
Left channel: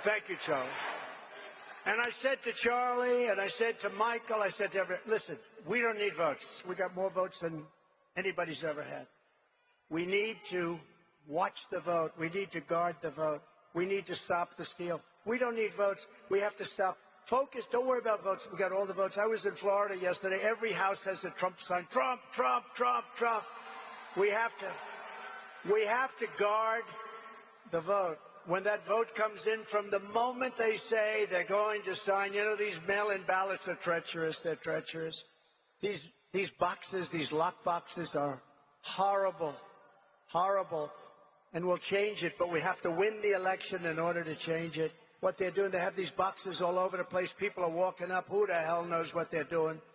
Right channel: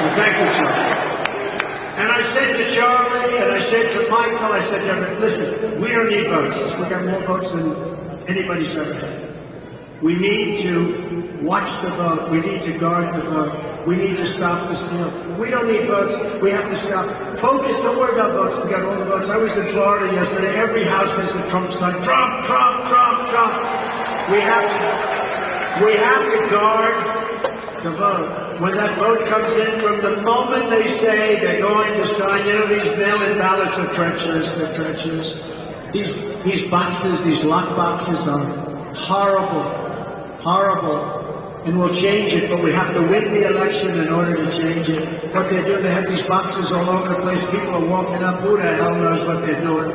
Well, thank you, Charlie. And I said to Charlie, and I said to Michael, I said to everyone, listen, we don't need votes. We got more votes than anybody's ever had. We need to watch the vote. We need to guard the vote. We need to stop this deal. We don't need votes. We have to stop. Focus. Don't worry about votes. We got all the votes. I was in Florida yesterday. Every house has a Trump sign. Trump, Trump, Trump, Trump. We have to. We have to guard the vote. When that vote comes in, from the moment they say they're going to sign, these mail-in ballots are treacherous. They're treacherous. These boxes, these lock boxes are horrible, horrible. And we'll change it, but we have to win the election in order to change it. What they do, they have these boxes all over the place. People are walking up. Who the hell knows what they're doing?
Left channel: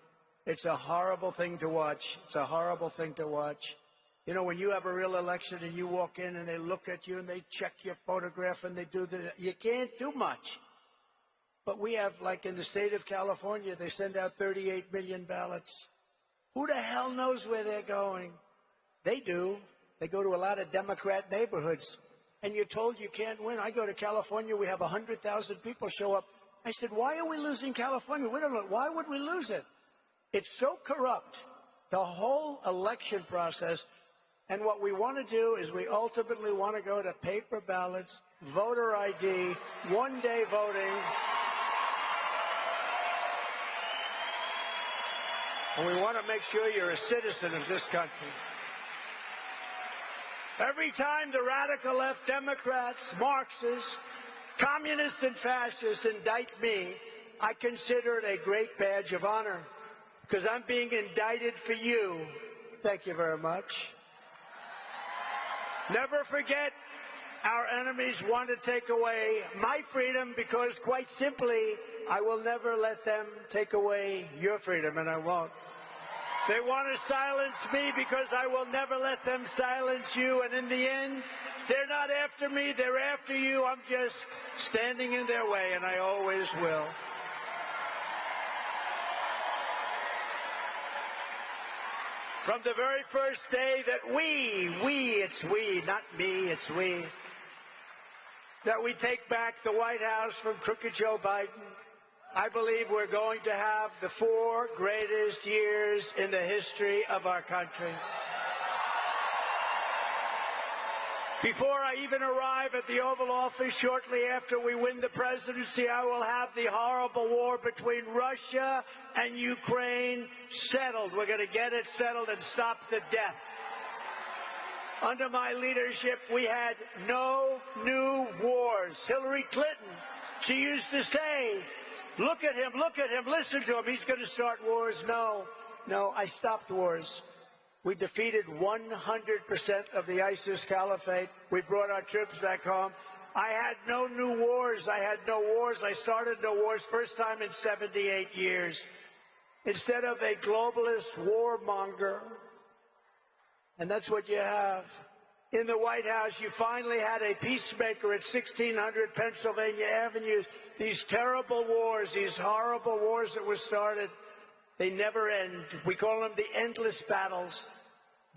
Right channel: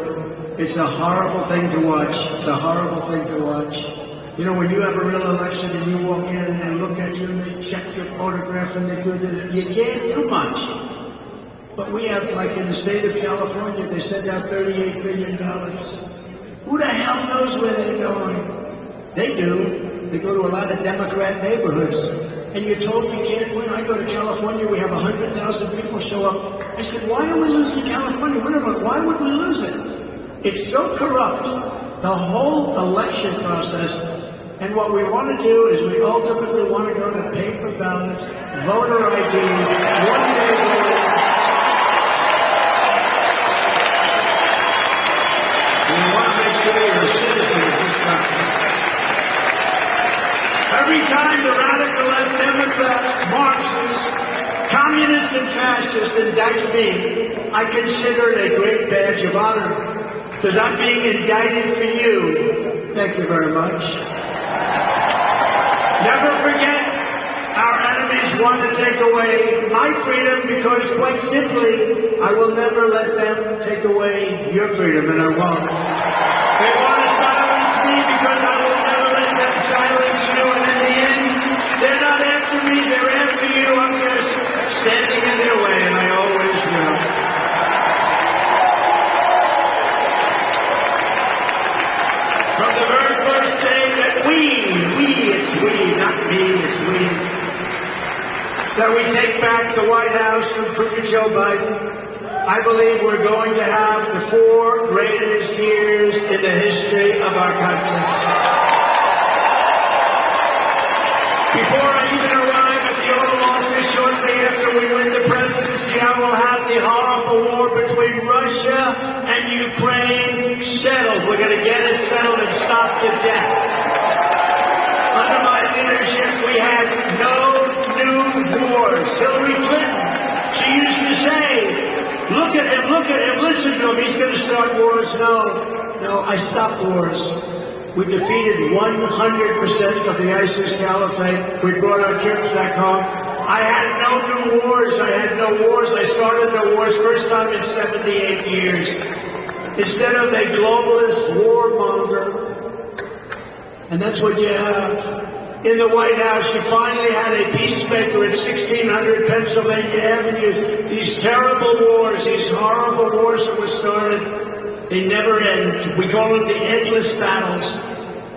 It's a horrible thing to watch. It's a horrible thing to watch. When you have a real election and you walk in and they look at you and they check your photograph and they do this, you can't do much. But we have, like in the state of California, they send out 38 million ballots. Who the hell knows where they're going? They do. They go to a lot of Democrat neighborhoods. And you're told you can't win. I go to California, we have 100,000 people show up. I said, why are we losing California? Why would we lose it? It's so corrupt, the whole election process. And what we want to do is we ultimately want to go to paper ballots, voter ID, one-day voting. We want to make sure you're a citizen of this country. Every time the radical left Democrats, Marxists, communists, and fascists indict me, I consider it a great badge of honor, because I'm being indicted for you. Thank you very much. Never forget, our enemies want to take away my freedom because, quite simply, I will never let them take away your freedom, and I won't. They want to silence me because I will never let them silence you, and in the end, they're not after me, they're after you. I'm just standing in their way, and I always will. From the very first day that it's we, not me, it's we, that we take back the White House from crooked Joe Biden, I believe we're going to have the 4 greatest years in the history of our country. Before I even arrive at the Oval Office shortly after we win the presidency, I will have the horrible war between Russia and Ukraine settled. We're going to get it settled and stop the death. Under my leadership, we had no new wars. Hillary Clinton, she used to say, look at him, listen to him, he's going to start wars. No, I stopped wars. We defeated 100% of the ISIS caliphate. We brought our troops back home. I had no new wars. I started no wars first time in 78 years. Instead of a globalist warmonger, and that's what you have. In the White House, you finally had a peacemaker at 1600 Pennsylvania Avenue. These terrible wars, these horrible wars that were started, they never end. We call them the endless battles.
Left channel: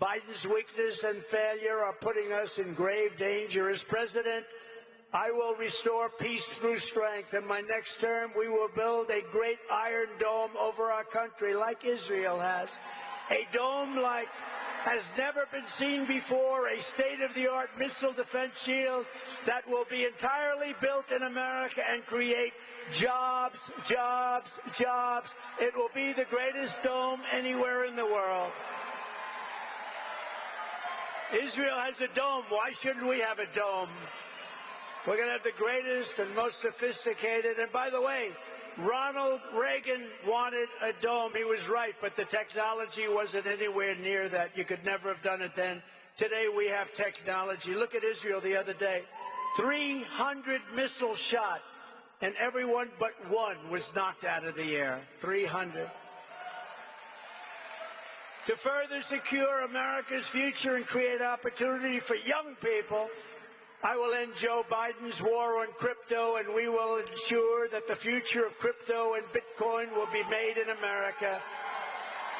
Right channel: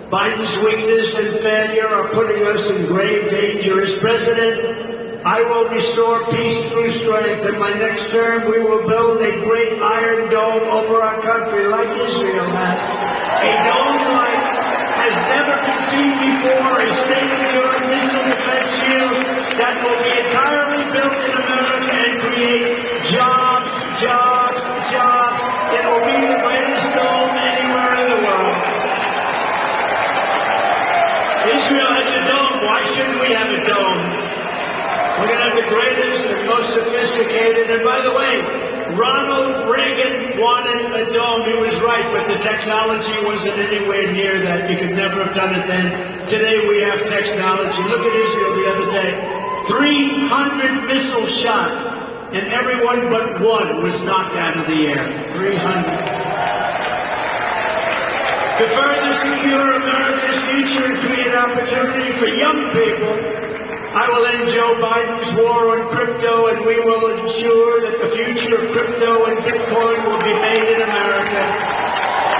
Biden's weakness and failure are putting us in grave danger. As president, I will restore peace through strength. In my next term, we will build a great iron dome over our country like Israel has. A dome like has never been seen before, a state-of-the-art missile defense shield that will be entirely built in America and create jobs. It will be the greatest dome anywhere in the world. Israel has a dome. Why shouldn't we have a dome? We're going to have the greatest and most sophisticated, and by the way, Ronald Reagan wanted a dome. He was right, but the technology wasn't anywhere near that. You could never have done it then. Today we have technology. Look at Israel the other day. 300 missiles shot, and everyone but one was knocked out of the air. 300. To further secure America's future and create opportunity for young people, I will end Joe Biden's war on crypto, and we will ensure that the future of crypto and Bitcoin will be made in America.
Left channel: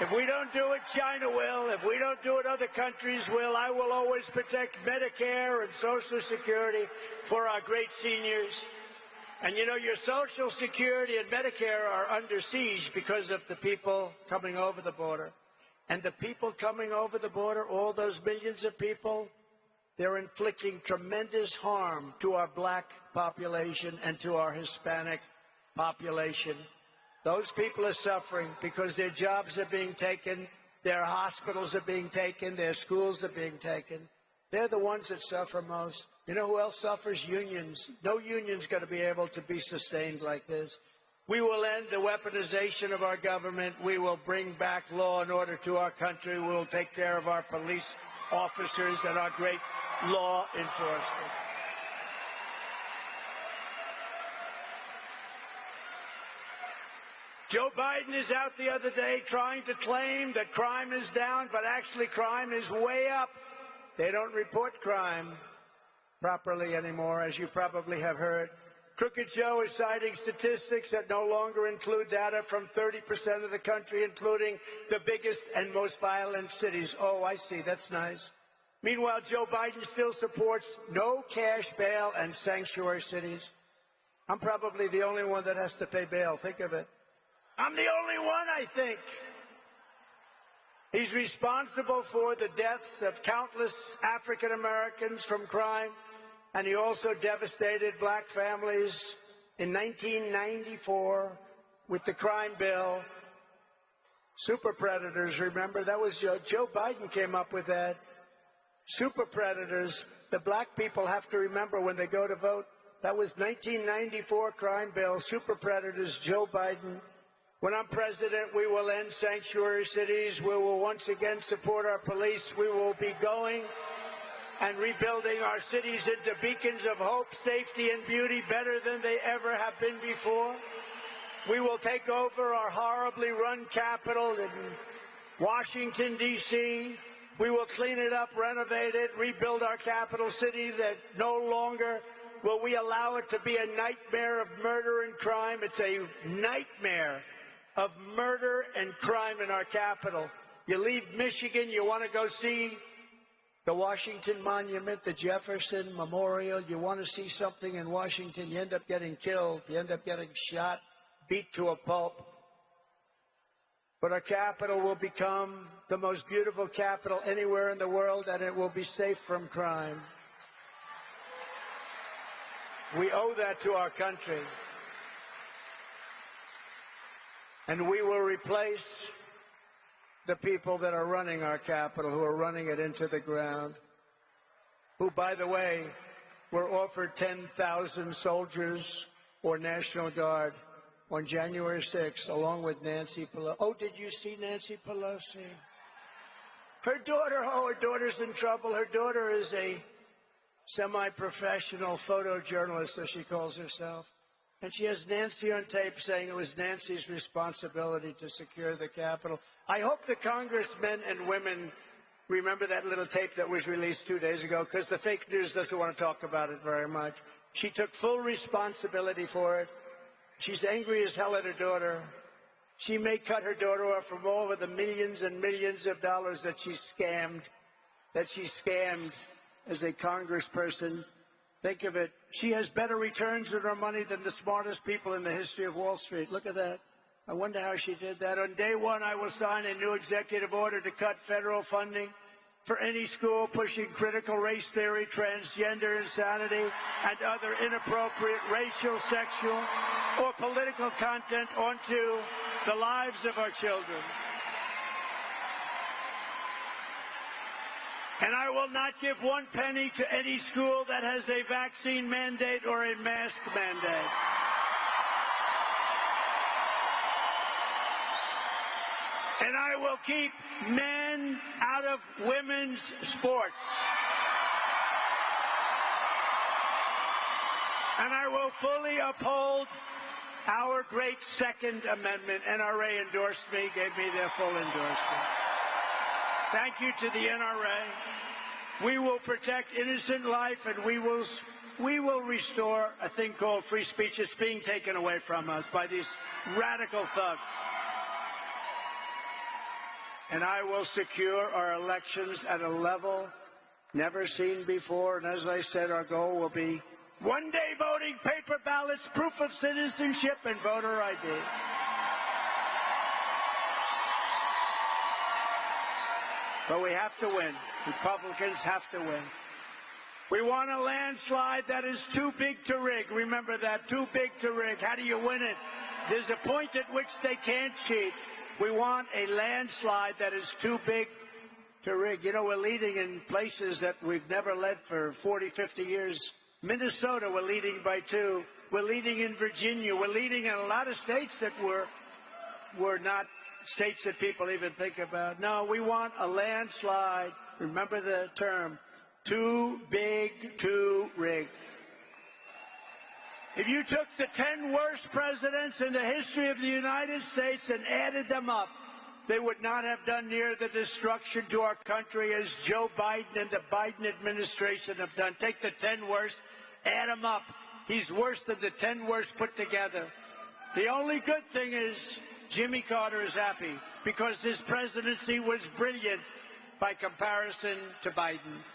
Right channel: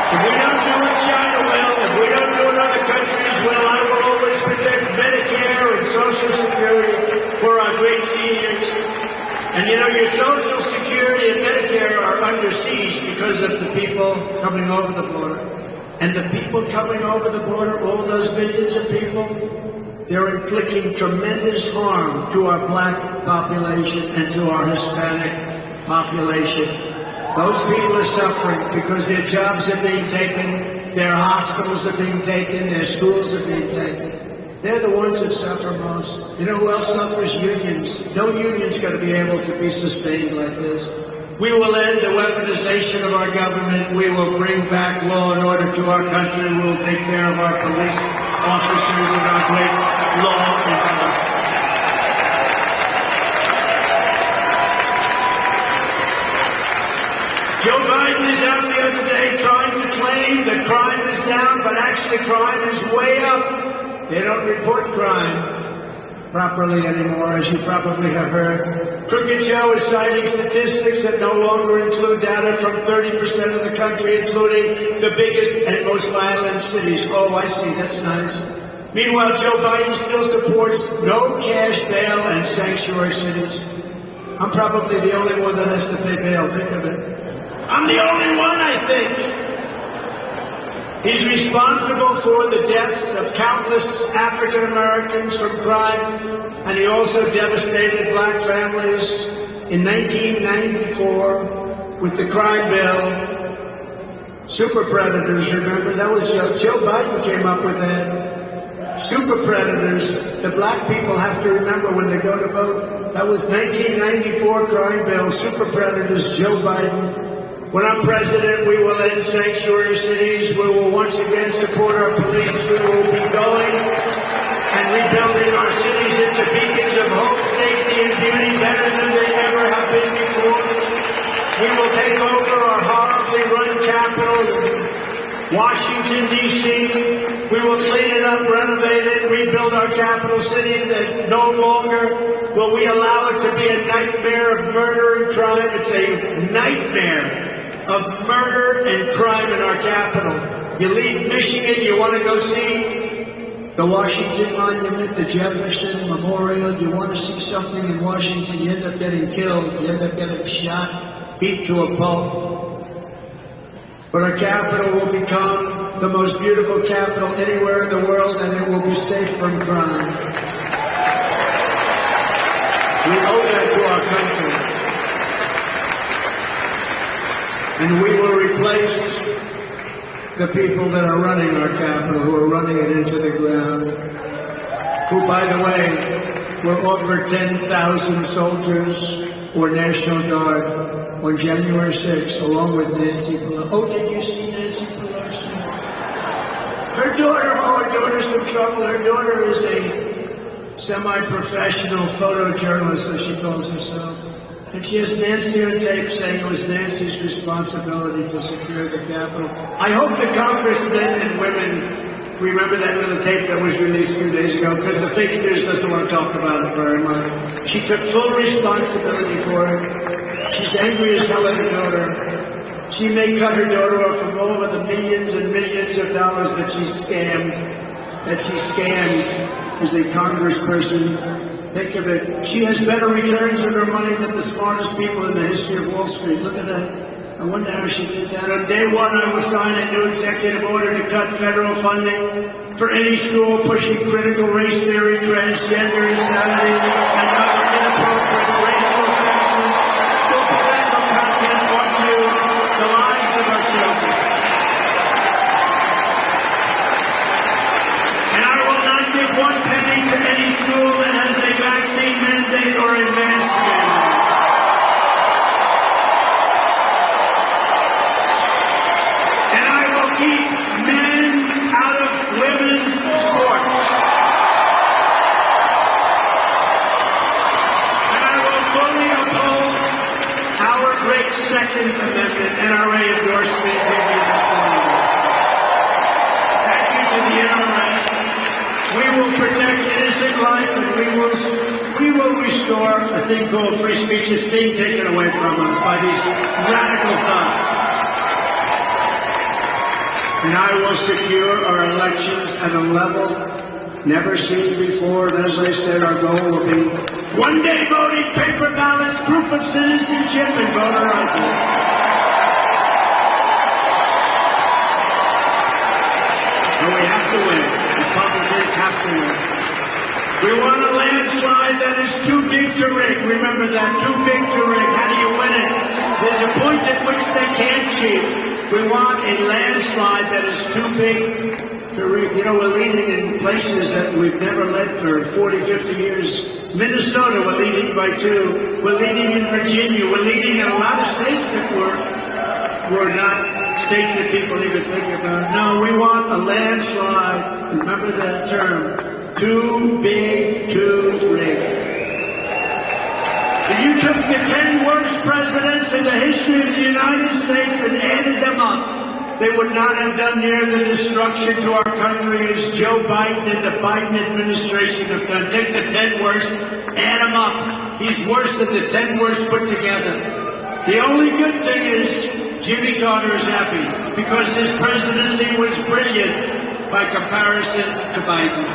If we don't do it, China will. If we don't do it, other countries will. I will always protect Medicare and Social Security for our great seniors. And your Social Security and Medicare are under siege because of the people coming over the border. And the people coming over the border, all those millions of people, they're inflicting tremendous harm to our black population and to our Hispanic population. Those people are suffering because their jobs are being taken, their hospitals are being taken, their schools are being taken. They're the ones that suffer most. You know who else suffers? Unions. No union's going to be able to be sustained like this. We will end the weaponization of our government. We will bring back law and order to our country. We will take care of our police officers and our great law enforcement. Joe Biden is out the other day trying to claim that crime is down, but actually crime is way up. They don't report crime properly anymore, as you probably have heard. Crooked Joe is citing statistics that no longer include data from 30% of the country, including the biggest and most violent cities. Oh, I see. That's nice. Meanwhile, Joe Biden still supports no cash bail and sanctuary cities. I'm probably the only one that has to pay bail. Think of it. I'm the only one, I think. He's responsible for the deaths of countless African Americans from crime, and he also devastated black families in 1994 with the crime bill. Super predators, remember? That was Joe Biden came up with that. Super predators, the black people have to remember when they go to vote. That was 1994 crime bill, super predators, Joe Biden. When I'm president, we will end sanctuary cities. We will once again support our police. We will be going and rebuilding our cities into beacons of hope, safety, and beauty better than they ever have been before. We will take over our horribly run capital, Washington, D.C. We will clean it up, renovate it, rebuild our capital city that no longer will we allow it to be a nightmare of murder and crime. It's a nightmare of murder and crime in our capital. You leave Michigan, you want to go see the Washington Monument, the Jefferson Memorial, you want to see something in Washington, you end up getting killed, you end up getting shot, beat to a pulp. But our capital will become the most beautiful capital anywhere in the world, and it will be safe from crime. We owe that to our country. And we will replace the people that are running our capital, who are running it into the ground, who, by the way, were offered 10,000 soldiers or National Guard on January 6th, along with Nancy Pelosi. Oh, did you see Nancy Pelosi? Her daughter's in trouble. Her daughter is a semi-professional photojournalist, as she calls herself. And she has Nancy on tape saying it was Nancy's responsibility to secure the Capitol. I hope the congressmen and women remember that little tape that was released a few days ago, because the fake news doesn't want to talk about it very much. She took full responsibility for it. She's angry as hell at her daughter. She may cut her daughter off from all of the millions and millions of dollars that she scammed as a congressperson. Think of it. She has better returns on her money than the smartest people in the history of Wall Street. Look at that. I wonder how she did that. On day one, I will sign a new executive order to cut federal funding for any school pushing critical race theory, transgender insanity, and other inappropriate racial, sexist, or political content onto the lives of our children. And I will not give one penny to any school that has a vaccine mandate or a mask mandate. And I will keep men out of women's sports. And I will fully uphold our great Second Amendment NRA endorsement. Thank you to the NRA. We will protect innocent life, and we will restore a thing called free speech. It's being taken away from us by these radical thugs. And I will secure our elections at a level never seen before. And as I said, our goal will be one-day voting, paper ballots, proof of citizenship, and voter ID. And we have to win. Republicans have to win. We want a landslide that is too big to rig. Remember that, too big to rig. How do you win it? There's a point at which they can't cheat. We want a landslide that is too big You know, we're leading in places that we've never led for 40, 50 years. Minnesota, we're leading by 2. We're leading in Virginia. We're leading in a lot of states that were not states that people even think about. No, we want a landslide. Remember that term. Too big, too big. If you took the 10 worst presidents in the history of the United States and added them up, they would not have done near the destruction to our country as Joe Biden and the Biden administration have done. Take the 10 worst, add them up. He's worse than the 10 worst put together. The only good thing is Jimmy Carter is happy because his presidency was brilliant by comparison to Biden.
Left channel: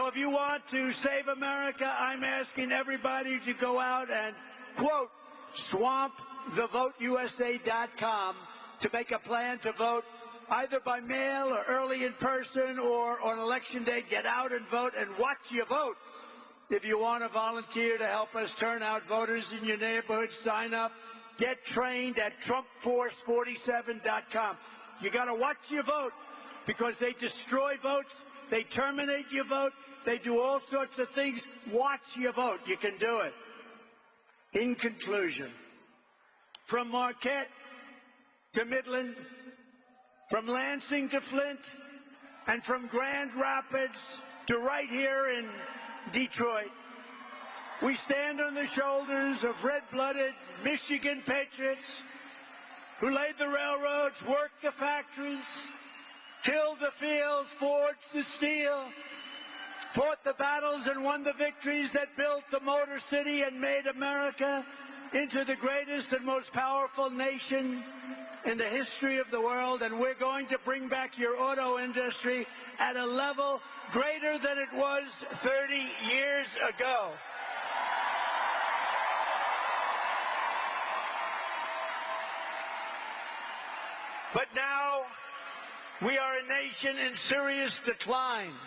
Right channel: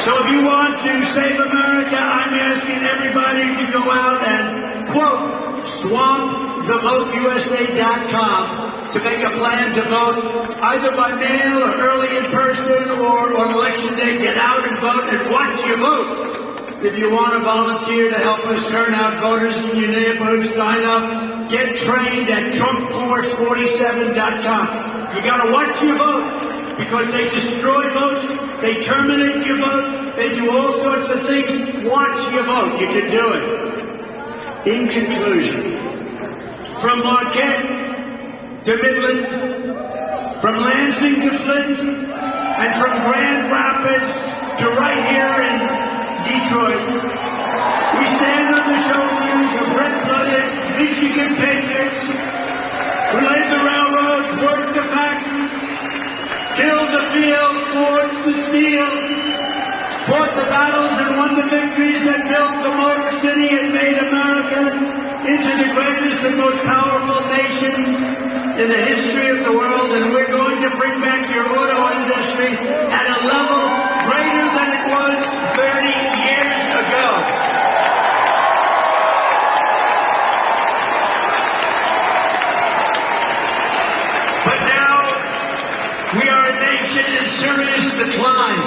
So if you want to save America, I'm asking everybody to go out and, quote, swamp thevoteusa.com to make a plan to vote either by mail or early in person or on election day. Get out and vote and watch your vote. If you want to volunteer to help us turn out voters in your neighborhood, sign up. Get trained at TrumpForce47.com. You got to watch your vote because they destroy votes. They terminate your vote. They do all sorts of things. Watch your vote. You can do it. In conclusion, from Marquette to Midland, from Lansing to Flint, and from Grand Rapids to right here in Detroit, we stand on the shoulders of red-blooded Michigan patriots who laid the railroads, worked the factories, tilled the fields, forged the steel, fought the battles and won the victories that built the Motor City and made America into the greatest and most powerful nation in the history of the world, and we're going to bring back your auto industry at a level greater than it was 30 years ago. But now, we are a nation in serious decline.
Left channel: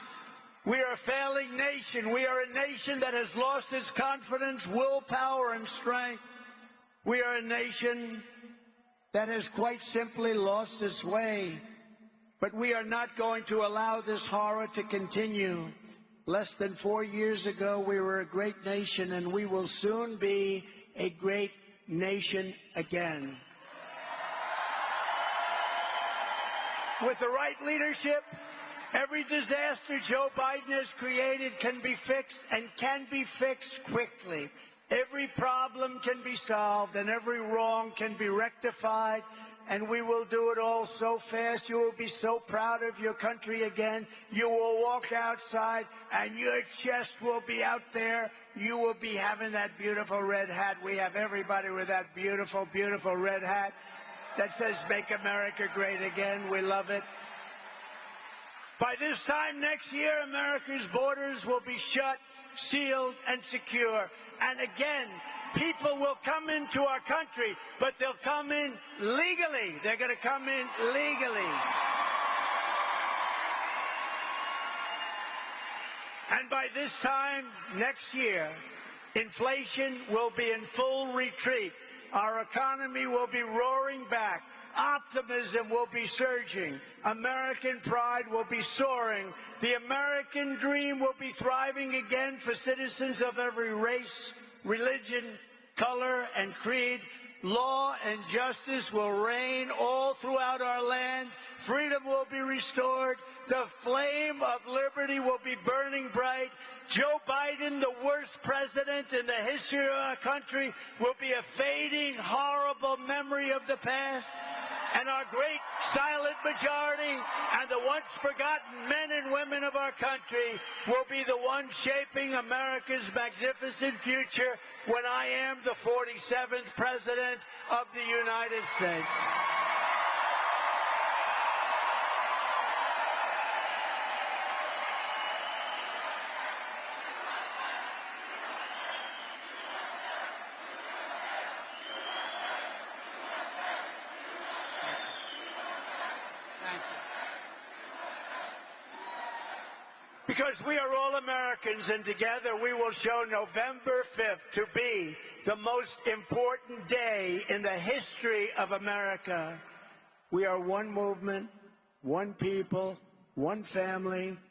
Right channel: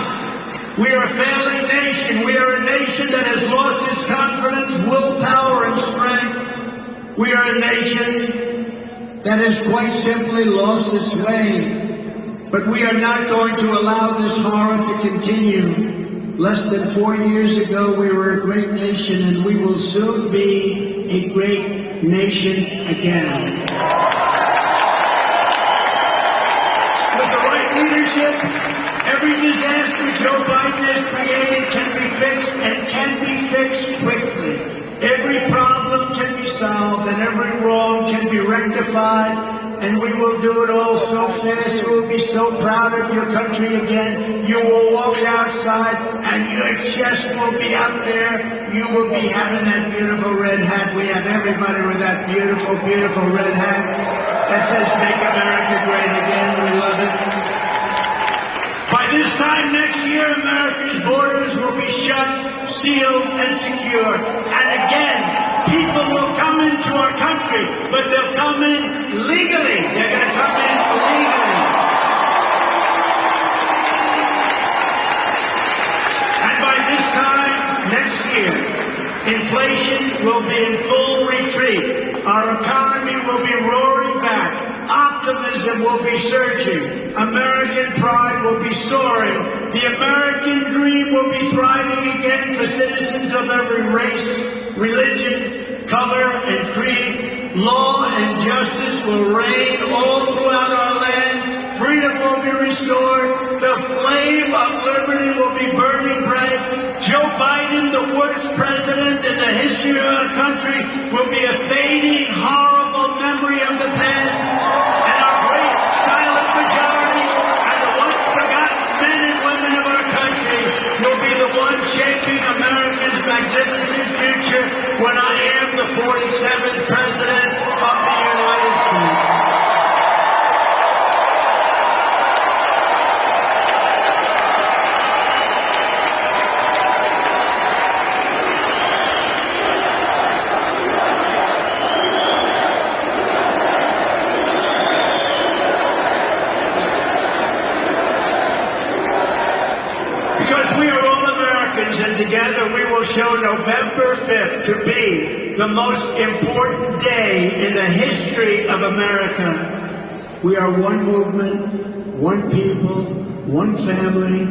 We are a failing nation. We are a nation that has lost its confidence, willpower, and strength. We are a nation that has quite simply lost its way. But we are not going to allow this horror to continue. Less than 4 years ago, we were a great nation, and we will soon be a great nation again. With the right leadership, every disaster Joe Biden has created can be fixed and can be fixed quickly. Every problem can be solved and every wrong can be rectified, and we will do it all so fast. You will be so proud of your country again. You will walk outside and your chest will be up there. You will be having that beautiful red hat. We have everybody with that beautiful, beautiful red hat that says Make America Great Again. We love it. By this time next year, America's borders will be shut, sealed, and secure. And again, people will come into our country, but they'll come in legally. They're going to come in legally. And by this time next year, inflation will be in full retreat. Our economy will be roaring back. Optimism will be surging. American pride will be soaring. The American dream will be thriving again for citizens of every race, religion, color, and creed. Law and justice will reign all throughout our land. Freedom will be restored. The flame of liberty will be burning bright. Joe Biden, the worst president in the history of our country, will be a fading, horrible memory of the past. And our great silent majority and the once forgotten men and women of our country will be the ones shaping America's magnificent future when I am the 47th president of the United States. Because we are all Americans, and together we will show November 5th to be the most important day in the history of America. We are one movement, one people, one family,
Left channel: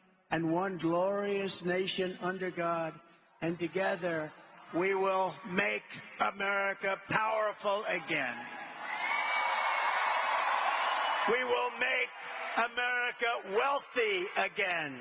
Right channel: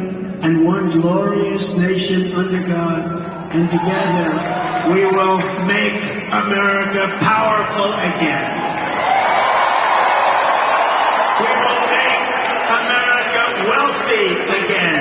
and one glorious nation under God. And together, we will make America powerful again. We will make America wealthy again.